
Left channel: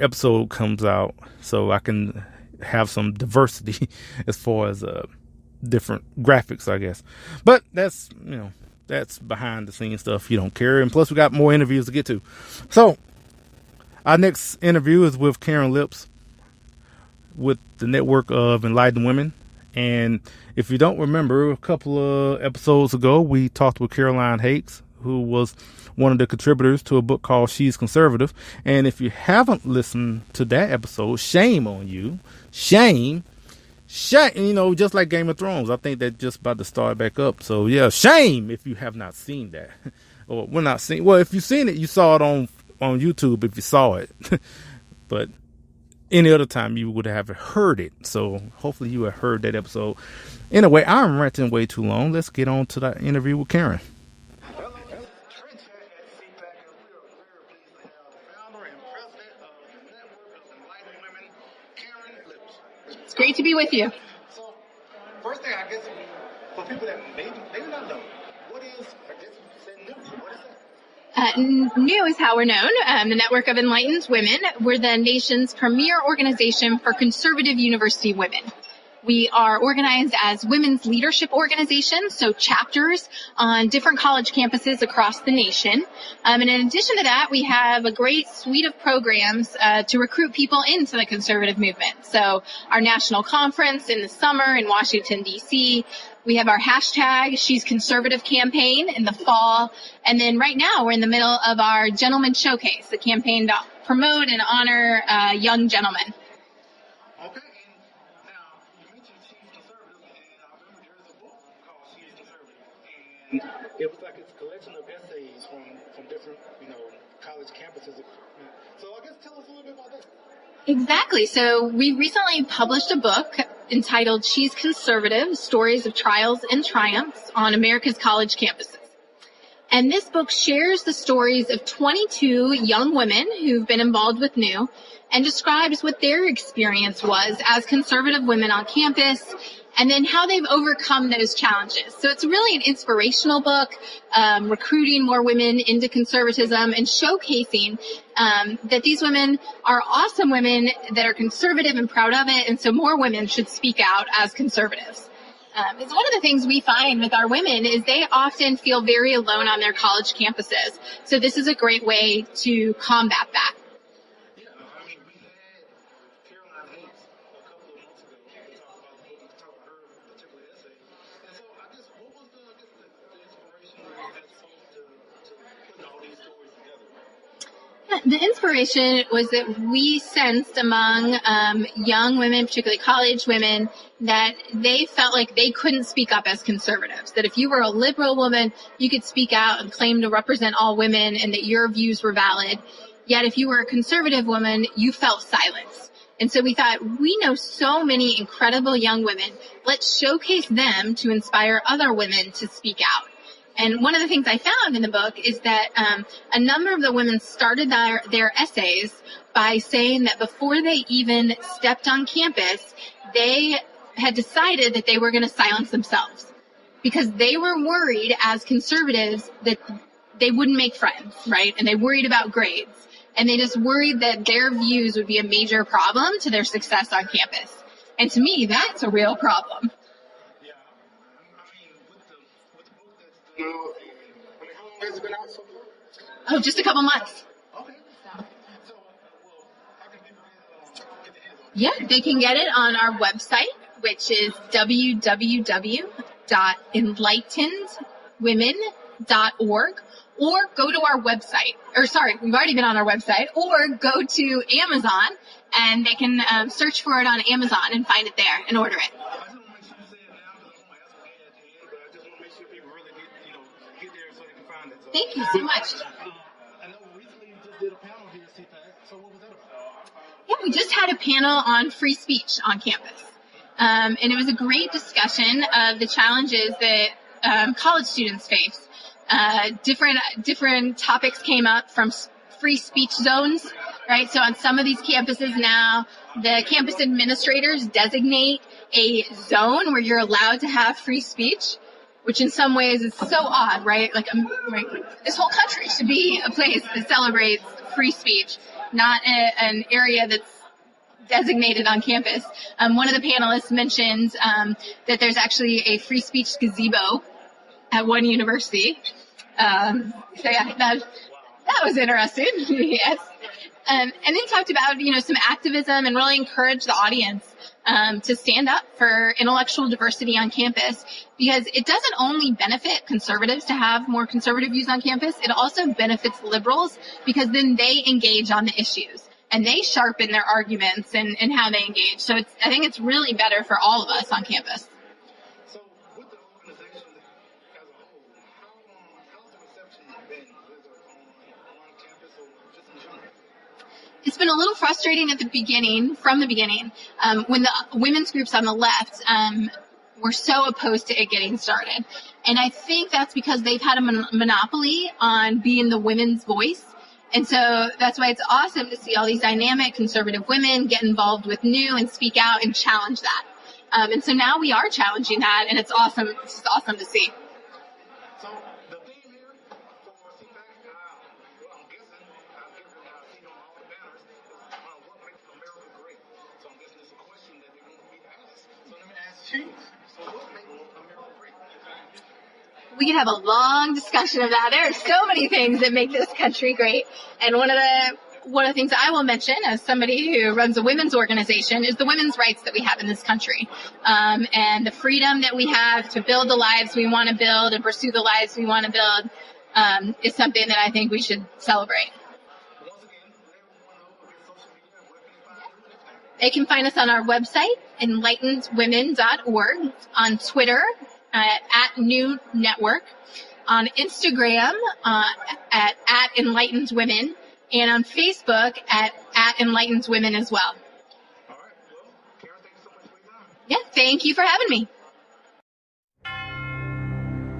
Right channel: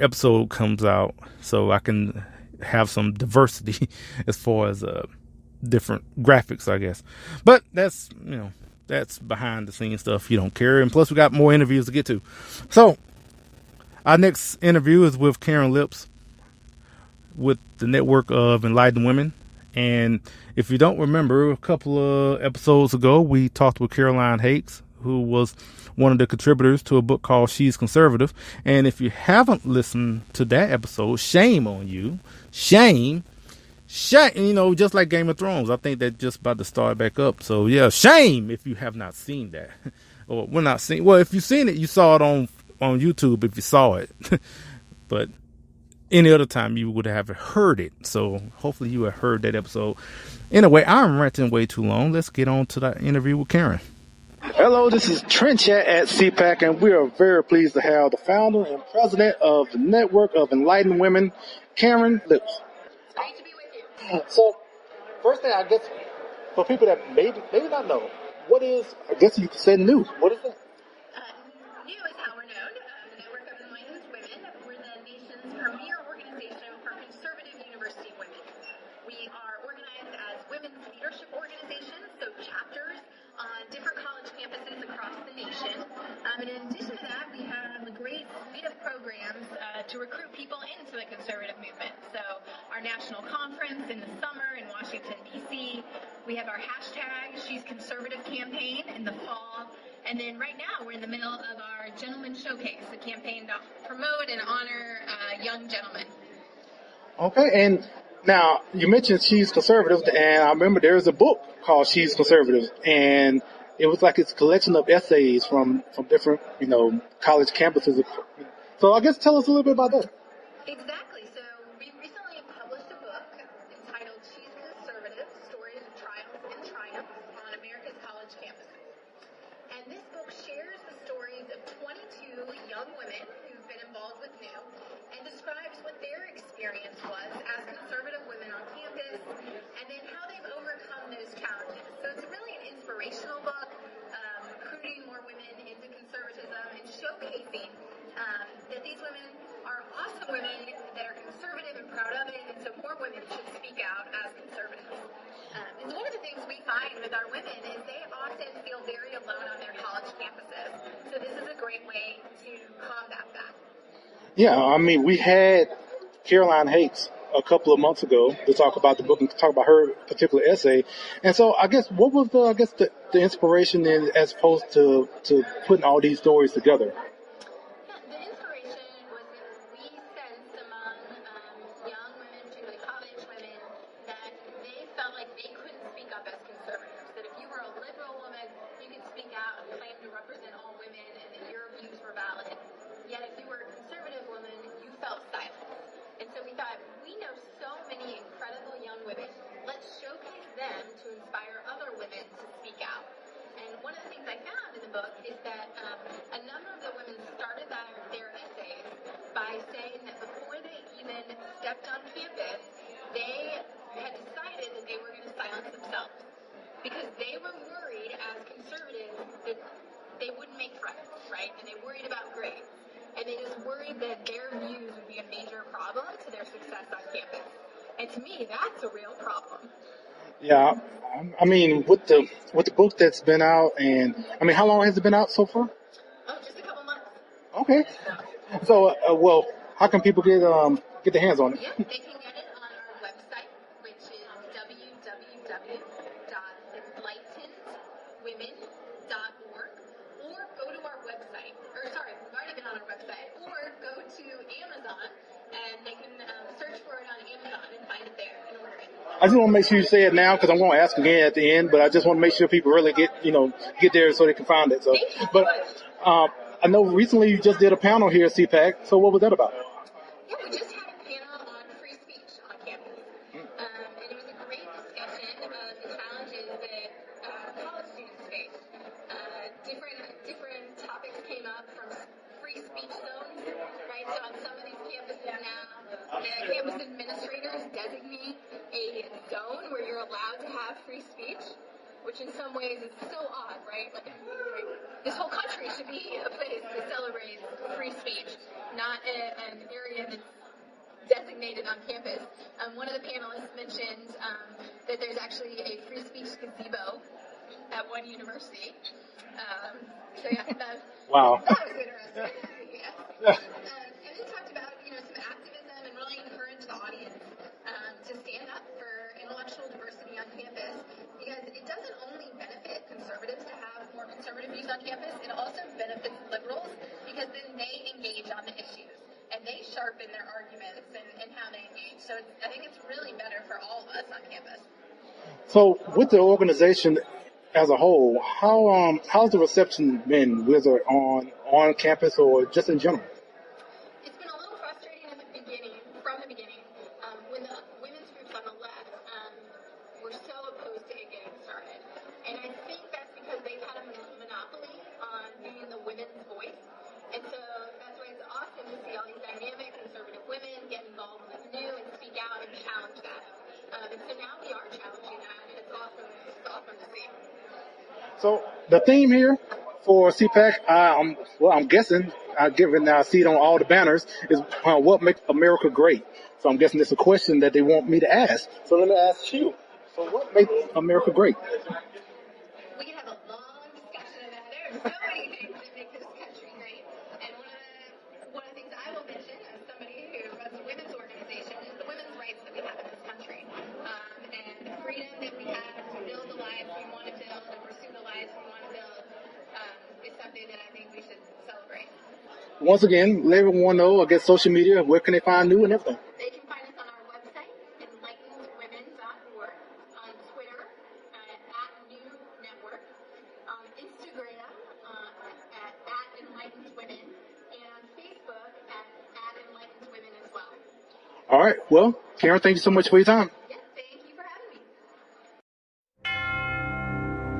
episode comes out, so I can have some diversity as far as different graphics, I guess. But that's behind the scenes stuff. You don't care. And plus we got more interviews to get to. So our next interview is with Karen Lips with the Network of Enlightened Women. And if you don't remember, a couple of episodes ago, we talked with Caroline Hakes, who was one of the contributors to a book called She's Conservative. And if you haven't listened to that episode, shame on you. Shame. Just like Game of Thrones. I think they're just about to start back up. So, yeah, shame if you have not seen that. Or we're not seeing. Well, if you've seen it, you saw it on YouTube if you saw it. But any other time you would have heard it. So hopefully you have heard that episode. Anyway, I'm ranting way too long. Let's get on to that interview with Karin. Hello, this is Trent Chat at CPAC, and we are very pleased to have the founder and president of the Network of Enlightened Women, Karin Agness. It's great to be with you. So, first thing, I guess, for people that maybe not know, what is, I guess you could say new. What is that? New is how we're known. The Network of Enlightened Women. We're the nation's premier organization for conservative university women. We are organized as women's leadership organizations, so chapters on different college campuses across the nation. And in addition to that, we have a great suite of programs to recruit people into the conservative movement. So our national conference in the summer in Washington, D.C., we have our hashtag She's Conservative campaign in the fall. And then right now we're in the middle of our Gentleman Showcase, the campaign to promote and honor young gentlemen. Okay, and now you mentioned She's Conservative, and I remember there's a book called She's Conservative, and it was like it's a collection of essays from different, college campuses. So I guess tell us a little bit about that. Exactly. So we recently published a book entitled She's Conservative, Stories of Trials and Triumphs on America's College Campuses. And this book shares the stories of 22 young women who've been involved with NEW and describes what their experience was as conservative women on campus and then how they've overcome those challenges. So it's really an inspirational book, recruiting more women into conservatism and showcasing that these women are awesome women that are conservative and proud of it, and so more women should speak out as conservatives. It's one of the things we find with our women is they often feel very alone on their college campuses. So this is a great way to combat that. Yeah, I mean, we had Caroline Hates a couple of months ago to talk about the book and talk about her particular essay. And so I guess what was the inspiration in as opposed to putting all these stories together? The inspiration was that we sensed among young women, particularly college women, that they felt like they couldn't speak up as conservatives, that if you were a liberal woman, you could speak out and claim to represent all women and that your views were valid. Yet if you were a conservative woman, you felt silenced. And so we thought, we know so many incredible young women. Let's showcase them to inspire other women to speak out. And one of the things I found in the book is that a number of the women started their essays by saying that before they even stepped on campus, they had decided that they were going to silence themselves because they were worried as conservatives that they wouldn't make friends, right? And they worried about grades. And they just worried that their views would be a major problem to their success on campus. And to me, that's a real problem. Yeah, I mean, with the book that's been out, and I mean, how long has it been out so far? Oh, just a couple months. Okay. So, well, how can people get their hands on it? Yeah, they can get it on our website, which is www.enlightenedwomen.org. Or go to our website, we've already been on our website, or go to Amazon and they can search for it on Amazon and find it there and order it. I just want to make sure you say it now because I'm going to ask again at the end, but I just want to make sure people really get there so they can find it. So, thank you so much. I know recently you just did a panel here at CPAC, so what was that about? Yeah, we just had a panel on free speech on campus. And it was a great discussion of the challenges that college students face. Different topics came up from free speech zones, right? So on some of these campuses now, the campus administrators designate a zone where you're allowed to have free speech, which in some ways is so odd, right? Like, this whole country should be a place that celebrates free speech, not an area that's designated on campus. One of the panelists mentioned that there's actually a free speech gazebo at one university. So yeah, Wow. that was interesting. Yes. And then talked about, some activism and really encouraged the audience to stand up for intellectual diversity on campus, because it doesn't only benefit conservatives to have more conservative views on campus, it also benefits liberals, because then they engage on the issues and they sharpen their arguments and how they engage. So I think it's really better for all of us on campus. So with the organization as a whole, how's the reception been, whether on campus or just in general? It's been a little frustrating from the beginning, when the women's groups on the left were so opposed to it getting started. And I think that's because they've had a monopoly on being the women's voice. And so that's why it's awesome to see all these dynamic conservative women get involved with new and speak out and challenge that. And so now we are challenging that, and it's awesome. It's just awesome to see. So the theme here for CPAC, I'm guessing, given I see it on all the banners, is what makes America great. So I'm guessing it's a question that they want me to ask. So let me ask you. So what makes America great? We could have a long discussion of that. There are so many things that make this country great. And one of the things I will mention as somebody who runs a women's organization is the women's rights that we have in this country. And the freedom that we have to build the lives we want to build and pursue the lives we want to build is something that I think we should celebrate. Once again, let everyone know, I guess, social media, where can they find you and everything? They can find us on our website, enlightenedwomen.org, on Twitter, at New Network, on Instagram, at Enlightened Women, and on Facebook at Enlightened Women as well. All right. Well, Karin, thank you so much for your time. Yeah, thank you for having me.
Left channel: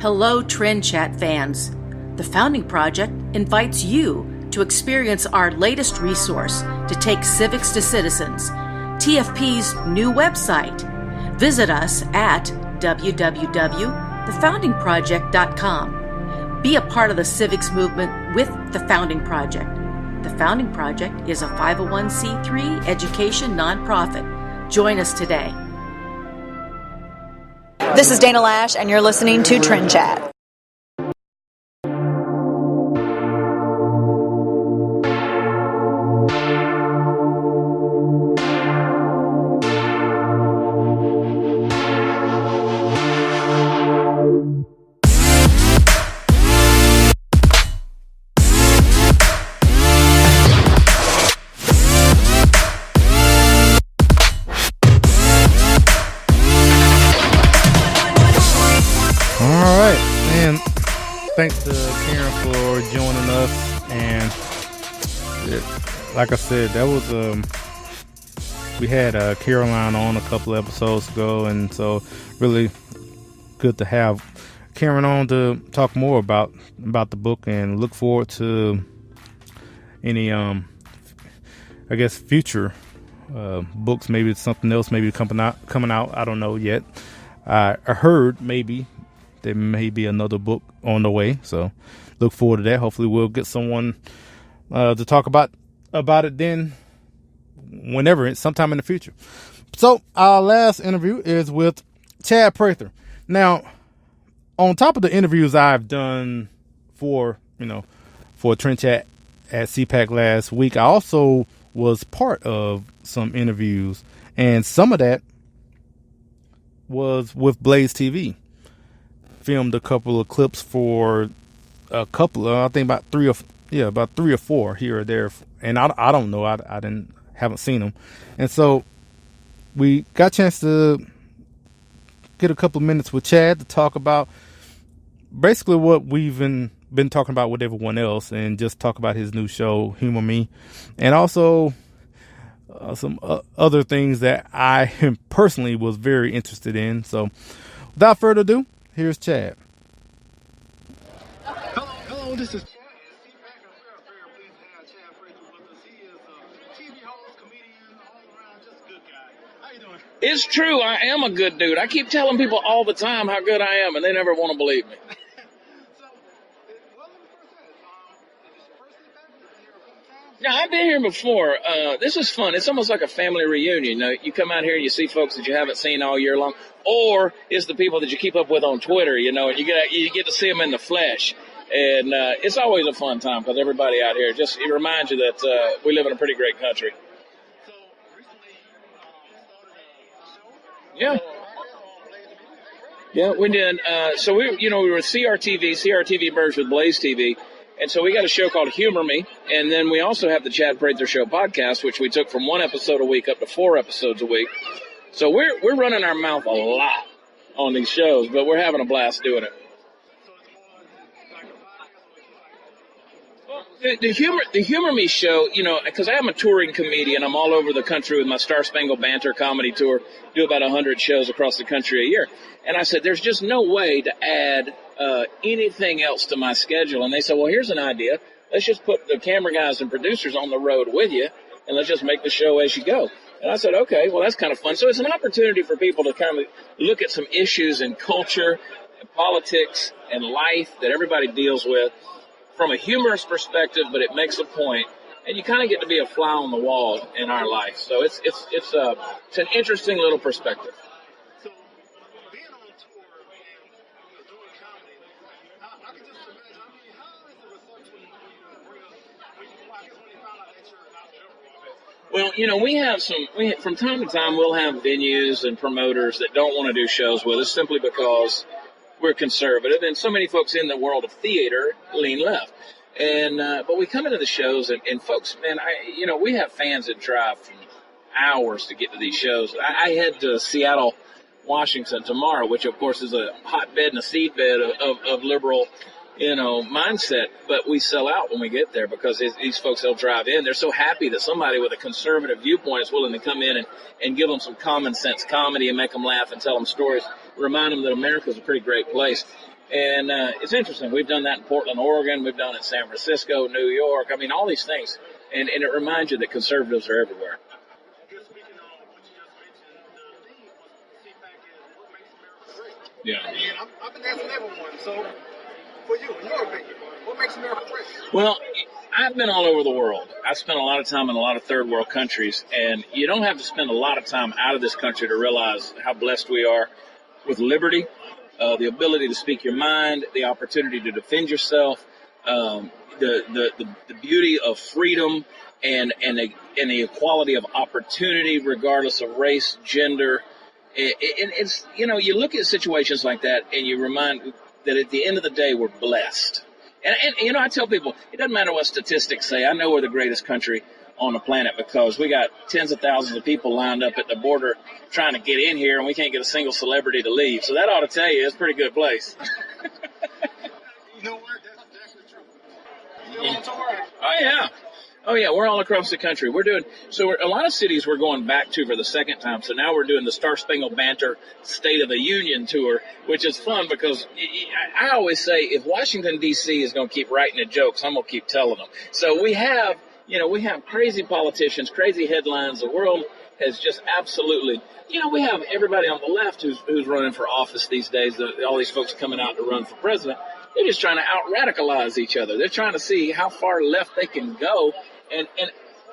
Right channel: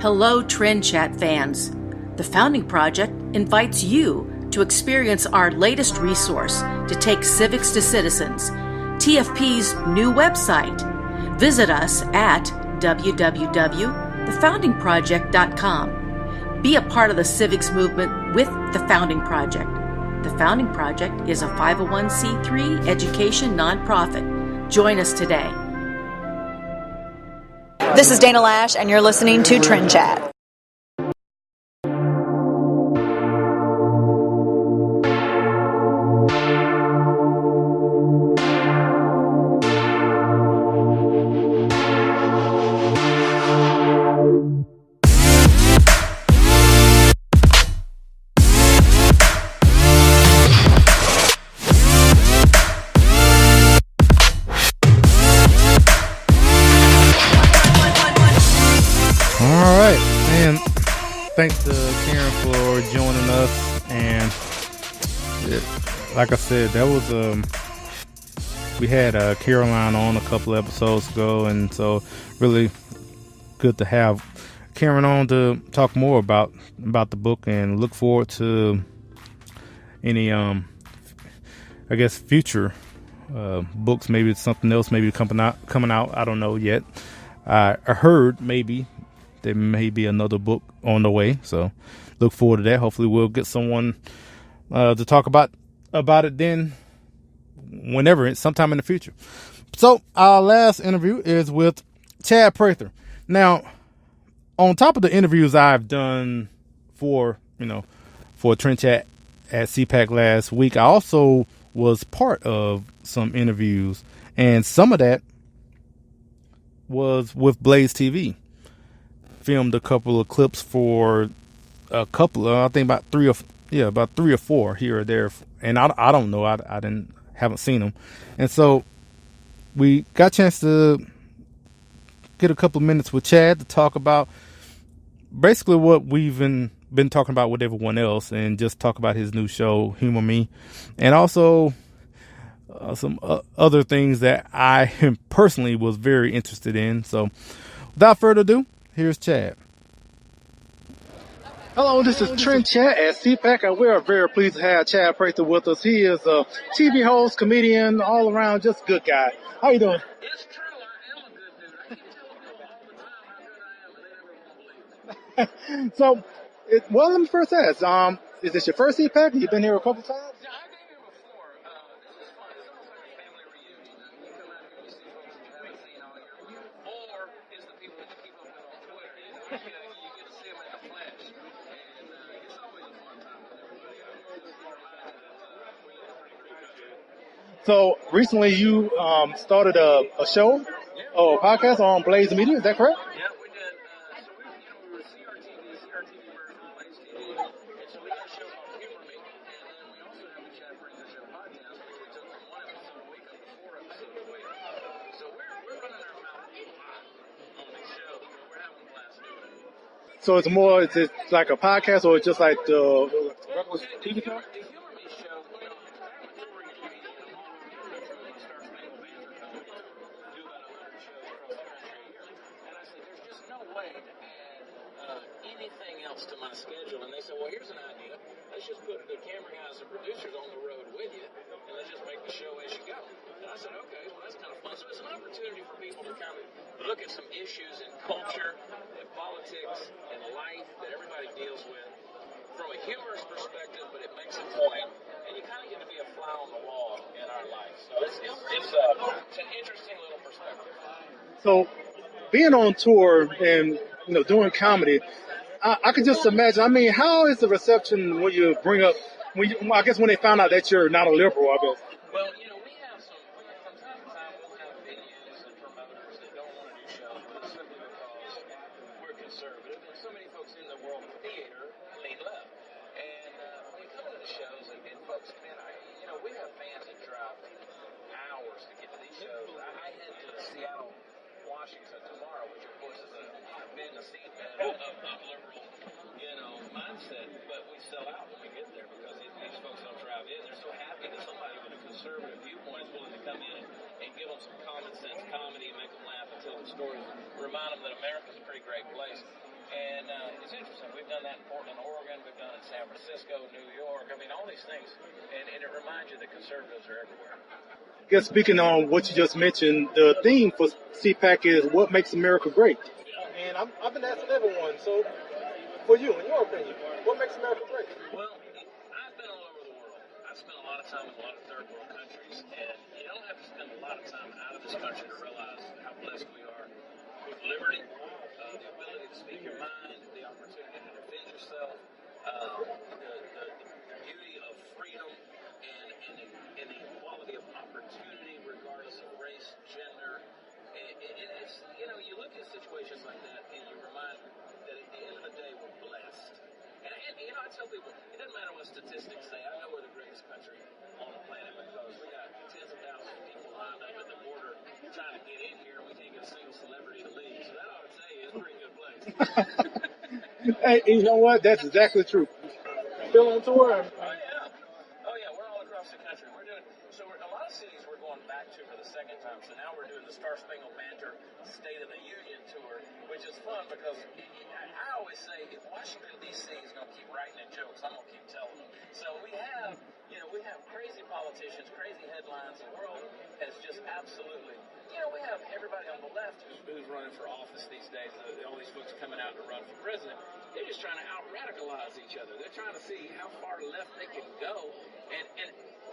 Hello, Trend Chat fans. The Founding Project invites you to experience our latest resource to take civics to citizens, TFP's new website. Visit us at www.thefoundingproject.com. Be a part of the civics movement with The Founding Project. The Founding Project is a 501c3 education nonprofit. Join us today. This is Dana Lash, and you're listening to Trend Chat. Thanks to Karin for joining us, and like I said, that was we had Caroline on a couple of episodes ago, and so really good to have Karin on to talk more about the book, and look forward to any I guess future books, maybe it's something else, maybe coming out. I don't know yet. I heard maybe there may be another book on the way, so look forward to that. Hopefully we'll get someone to talk about it then, whenever, sometime in the future. So our last interview is with Chad Prather. Now, on top of the interviews I've done for Trend Chat at CPAC last week, I also was part of some interviews, and some of that was with Blaze TV. Filmed a couple of clips for a couple of, I think about three or four here or there, and I don't know, I haven't seen them, and so we got a chance to get a couple of minutes with Chad to talk about basically what we've been talking about with everyone else, and just talk about his new show, Humor Me, and also some other things that I personally was very interested in. So without further ado, here's Chad. Hello, this is Trend Chat at CPAC, and we are very pleased to have Chad Prather with us. He is a TV host, comedian, all around, just a good guy. How you doing? It's true. I am a good dude. I keep telling people all the time how good I am, and they never want to believe me. So, let me first ask, is this your first CPAC? You've been here a couple times? Yeah, I've been here before. This is fun. It's almost like a family reunion. You come out here and you see folks that you haven't seen all year long, or it's the people that you keep up with on Twitter, and you get to see them in the flesh. And it's always a fun time because everybody out here, it reminds you that we live in a pretty great country. So recently you started a show, or a podcast on Blaze Media. Is that correct? Yeah, we did. So we were with CRTV merged with Blaze TV. And so we got a show called Humor Me. And then we also have the Chad Prather Show podcast, which we took from 1 episode a week up to 4 episodes a week. So we're running our mouth a lot on these shows, but we're having a blast doing it. So it's it like a podcast, or it's just like the Humor Me show, because I'm a touring comedian. I'm all over the country with my Star Spangled Banter comedy tour, do about 100 shows across the country a year. And I said, there's just no way to add anything else to my schedule. And they said, well, here's an idea. Let's just put the camera guys and producers on the road with you, and let's just make the show as you go. And I said, okay, well, that's kind of fun. So it's an opportunity for people to kind of look at some issues in culture, politics, and life that everybody deals with from a humorous perspective, but it makes a point, and you kind of get to be a fly on the wall in our life. So it's an interesting little perspective. So being on tour and doing comedy, I can just imagine. I mean, how is the reception when you bring up I guess when they found out that you're not a liberal, I guess. Well, from time to time we'll have venues and promoters that don't want to do shows with us simply because we're conservative, and so many folks in the world of theater lean left. And but we come into the shows, and folks, man, we have fans that drive hours to get to these shows. I head to Seattle, Washington tomorrow, which of course is a hotbed and a seedbed of liberal, mindset. But we sell out when we get there because these folks, they'll drive in. They're so happy that somebody with a conservative viewpoint is willing to come in and give them some common sense comedy and make them laugh and tell them stories, remind them that America's a pretty great place. And it's interesting. We've done that in Portland, Oregon. We've done it in San Francisco, New York. I mean, all these things. And it reminds you that conservatives are everywhere. I guess speaking on what you just mentioned, the theme for CPAC is what makes America great. Yeah. And I've been asking everyone, so for you, in your opinion, what makes America great? Well, I've been all over the world. I've spent a lot of time in a lot of third world countries, and you don't have to spend a lot of time out of this country to realize how blessed we are with liberty, the ability to speak your mind, the opportunity to defend yourself, the beauty of freedom, and the equality of opportunity regardless of race, gender. It's you look at situations like that and you remind that at the end of the day we're blessed. And I tell people it doesn't matter what statistics say. I know we're the greatest country on the planet because we got tens of thousands of people lined up at the border trying to get in here, and we can't get a single celebrity to leave. So that ought to tell you it's a pretty good place. Hey, you know what? That's exactly true. Still on tour? Oh yeah, we're all across the country. A lot of cities we're going back to for the second time. So now we're doing the Star Spangled Banter State of the Union tour, which is fun because I always say if Washington D.C. is going to keep writing the jokes, I'm going to keep telling them. So we have crazy politicians, crazy headlines. The world has just absolutely, we have everybody on the left who's running for office these days. All these folks coming out to run for president. They're just trying to out-radicalize each other. They're trying to see how far left they can go. And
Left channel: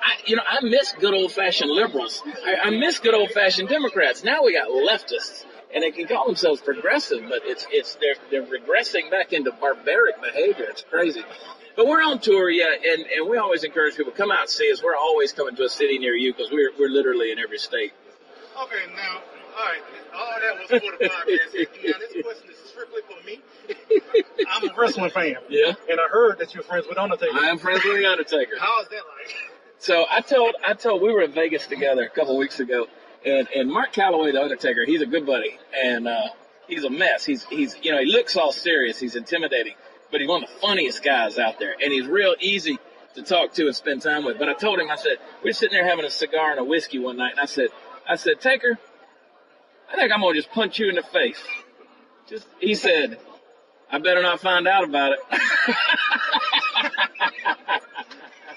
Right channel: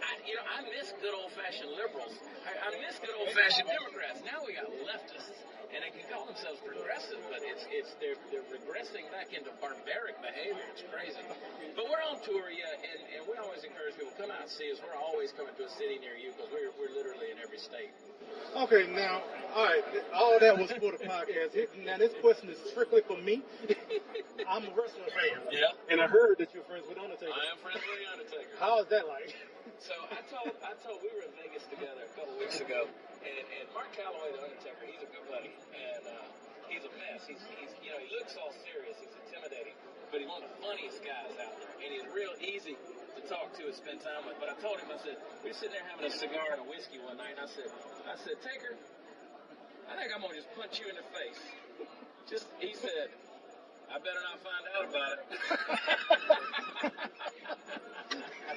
I miss good old-fashioned liberals. I miss good old-fashioned Democrats. Now we got leftists, and they can call themselves progressive, but they're regressing back into barbaric behavior. It's crazy. But we're on tour, yeah, and we always encourage people to come out and see us. We're always coming to a city near you because we're literally in every state. Okay, now, all right, all of that was for the podcast. Now, this question is strictly for me. I'm a wrestling fan. Yeah. And I heard that you're friends with Undertaker. I am friends with the Undertaker. How is that like? So I told we were in Vegas together a couple of weeks ago, and Mark Calloway, the Undertaker, he's a good buddy, and he's a mess. He looks all serious. He's intimidating, but he's one of the funniest guys out there, and he's real easy to talk to and spend time with. But I told him, I said, we were sitting there having a cigar and a whiskey one night, and I said, Taker, I think I'm going to just punch you in the face. He said, I better not find out about it.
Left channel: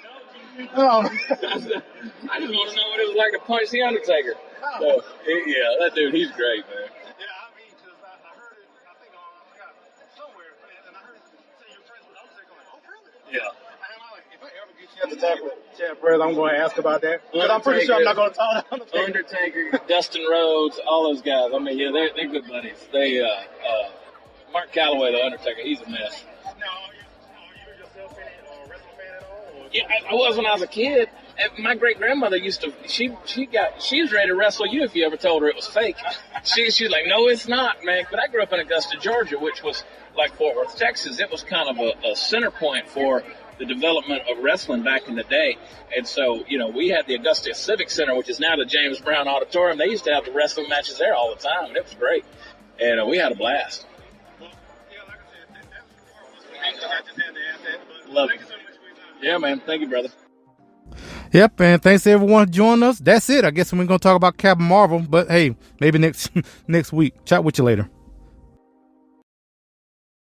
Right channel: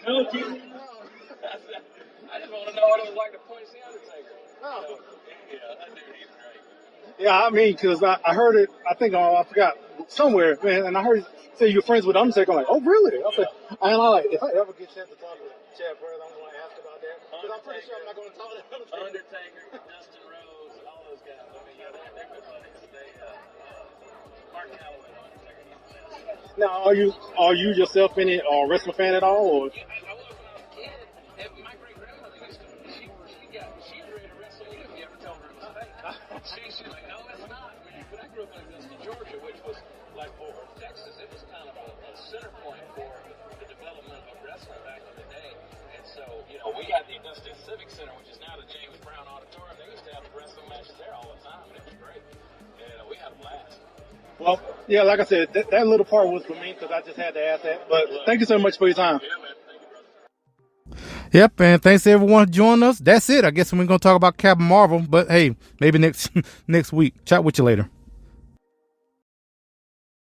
I just want to know what it was like to punch the Undertaker. So, yeah, that dude, he's great, man. Yeah, I mean, because I heard it, I think, I forgot, somewhere, man, and I heard say you're friends with Undertaker. I'm like, oh, really? Yeah. And I'm like, if I ever get a chance to talk with Chad Prather, I'm going to ask about that. But I'm pretty sure I'm not going to talk to Undertaker, Dustin Rhodes, all those guys. I mean, yeah, they're good buddies. Mark Calloway, the Undertaker, he's a mess. Now, are you yourself any wrestling fan at all? Or? Yeah, I was when I was a kid. And my great grandmother used to. She was ready to wrestle you if you ever told her it was fake. She's like, no, it's not, man. But I grew up in Augusta, Georgia, which was like Fort Worth, Texas. It was kind of a center point for the development of wrestling back in the day. And so, we had the Augusta Civic Center, which is now the James Brown Auditorium. They used to have the wrestling matches there all the time, and it was great. And we had a blast. Well, yeah, like I said, that little part was for me because I just had to ask that. But thank you so much for your time. Yeah, man. Thank you, brother. Yep, and thanks to everyone for joining us. That's it. I guess we're going to talk about Captain Marvel, but hey, maybe next week. Chat with you later.